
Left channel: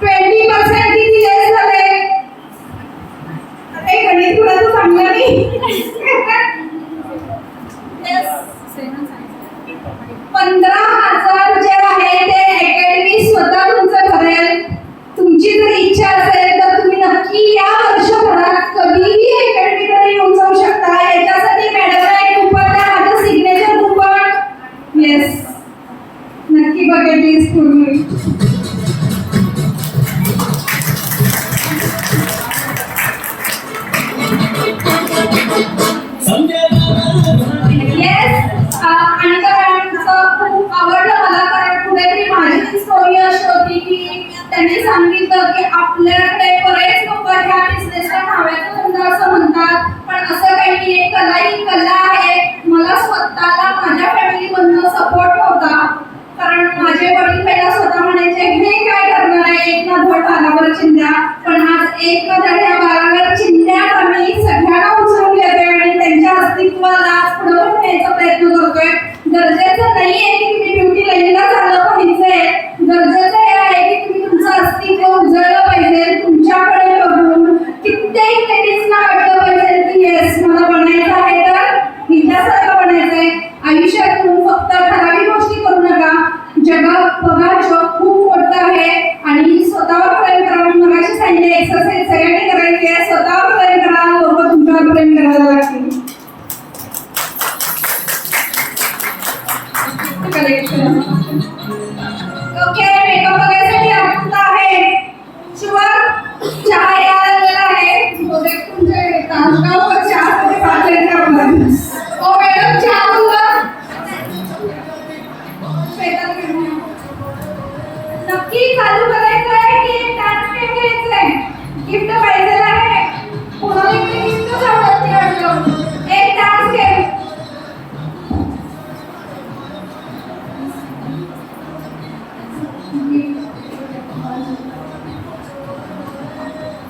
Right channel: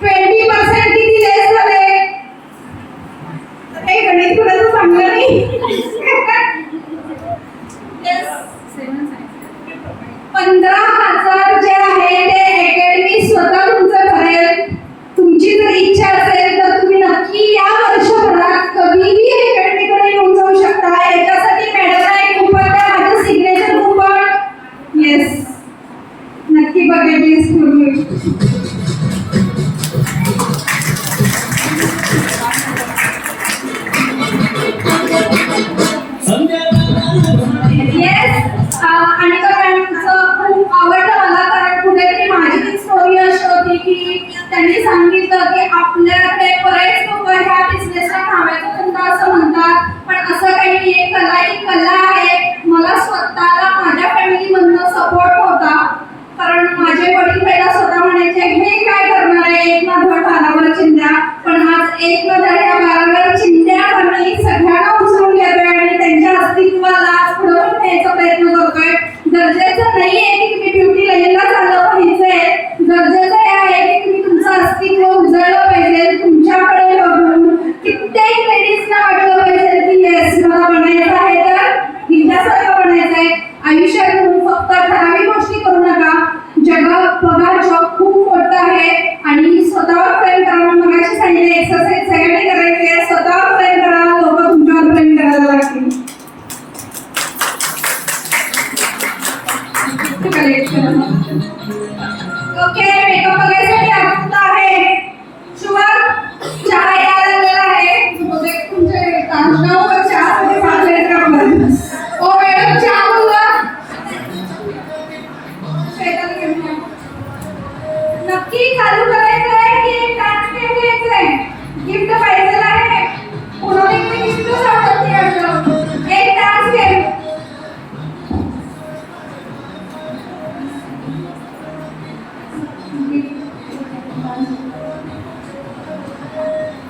20% किती लेस झाले? हे गणित कुणाचं चांगलं नाही। येस, 15,000 जे आहे ते अकॅडमी स्वतः तुमचं करेल। तुमची जर इच्छा असेल तर तुम्ही नक्की या वर्षभरात कधीही अकॅडमीकडे येऊन जाऊ शकता। याच्यासाठी मॅडमला एक कुपन द्या, माझं सिग्नेचर कुपन। येस, नक्की बकेट लिस्ट पूर्ण। येस, आणि मॅडमचं खूप आवडलं मला, कारण कुठेतरी माझी स्टोरी अशी होती की त्यांनी सांगितलं की आपल्याकडे बरेच लोक ह्या बिझनेसला नावाचा धंदा असं म्हणतात, पण असं काही नाही, कला ही कला आहे। मला स्वतःला माझ्या फॅमिलीमधनं सपोर्ट होता, कारण माझे वडील पहिला स्वतः म्हणायचे हे काय करणार आहे, एक ना धड भारावर चिंध्या, पण आज एक ना धड या भारावर चिंध्या आम्ही सगळ्यांना उचलून घेतोय आणि त्यांच्या अस्तित्वाला पुढे न्यायचा प्रयत्न करतोय। गरजेचं नाही आहे की तुम्ही ब्युटी लाईनला चाललं पाहिजे, गरजेचं हे आहे की तुम्ही तुमचं अस्तित्व उजळलं पाहिजे। तुमच्याकडे बघून कित्येक लेडीजना वाटलं पाहिजे की येस मला बनायचं आहे तर हिच्यासारखं बनायचं आहे। आयुष्यात तुम्ही फक्त ठराविक गोष्टी करू नका, जगात बघा जग खूप मोठं आहे आणि स्वतःवर प्रेम करा। मगाशी सांगितले एक्सरसाइज सगळ्यांनी करायची आहे, स्वतःवर प्रेम करा, लोक तुमच्यावर प्रेम करायला लागतील। कलेक्शन. ओके, मेकअप बघायसाठी आतुरता आहे. शुभम, चहा यायला लागलेला आहे. बहुतेक तुमचे तासगाववर चहामध्ये पाहिजे का आपण? ओ मॅडम, चहा बोलवा. शेतात घेऊन या. नक्की चालू करायचं आहे की डान्स घ्यायचं आहे? गिफ्ट पाहिजे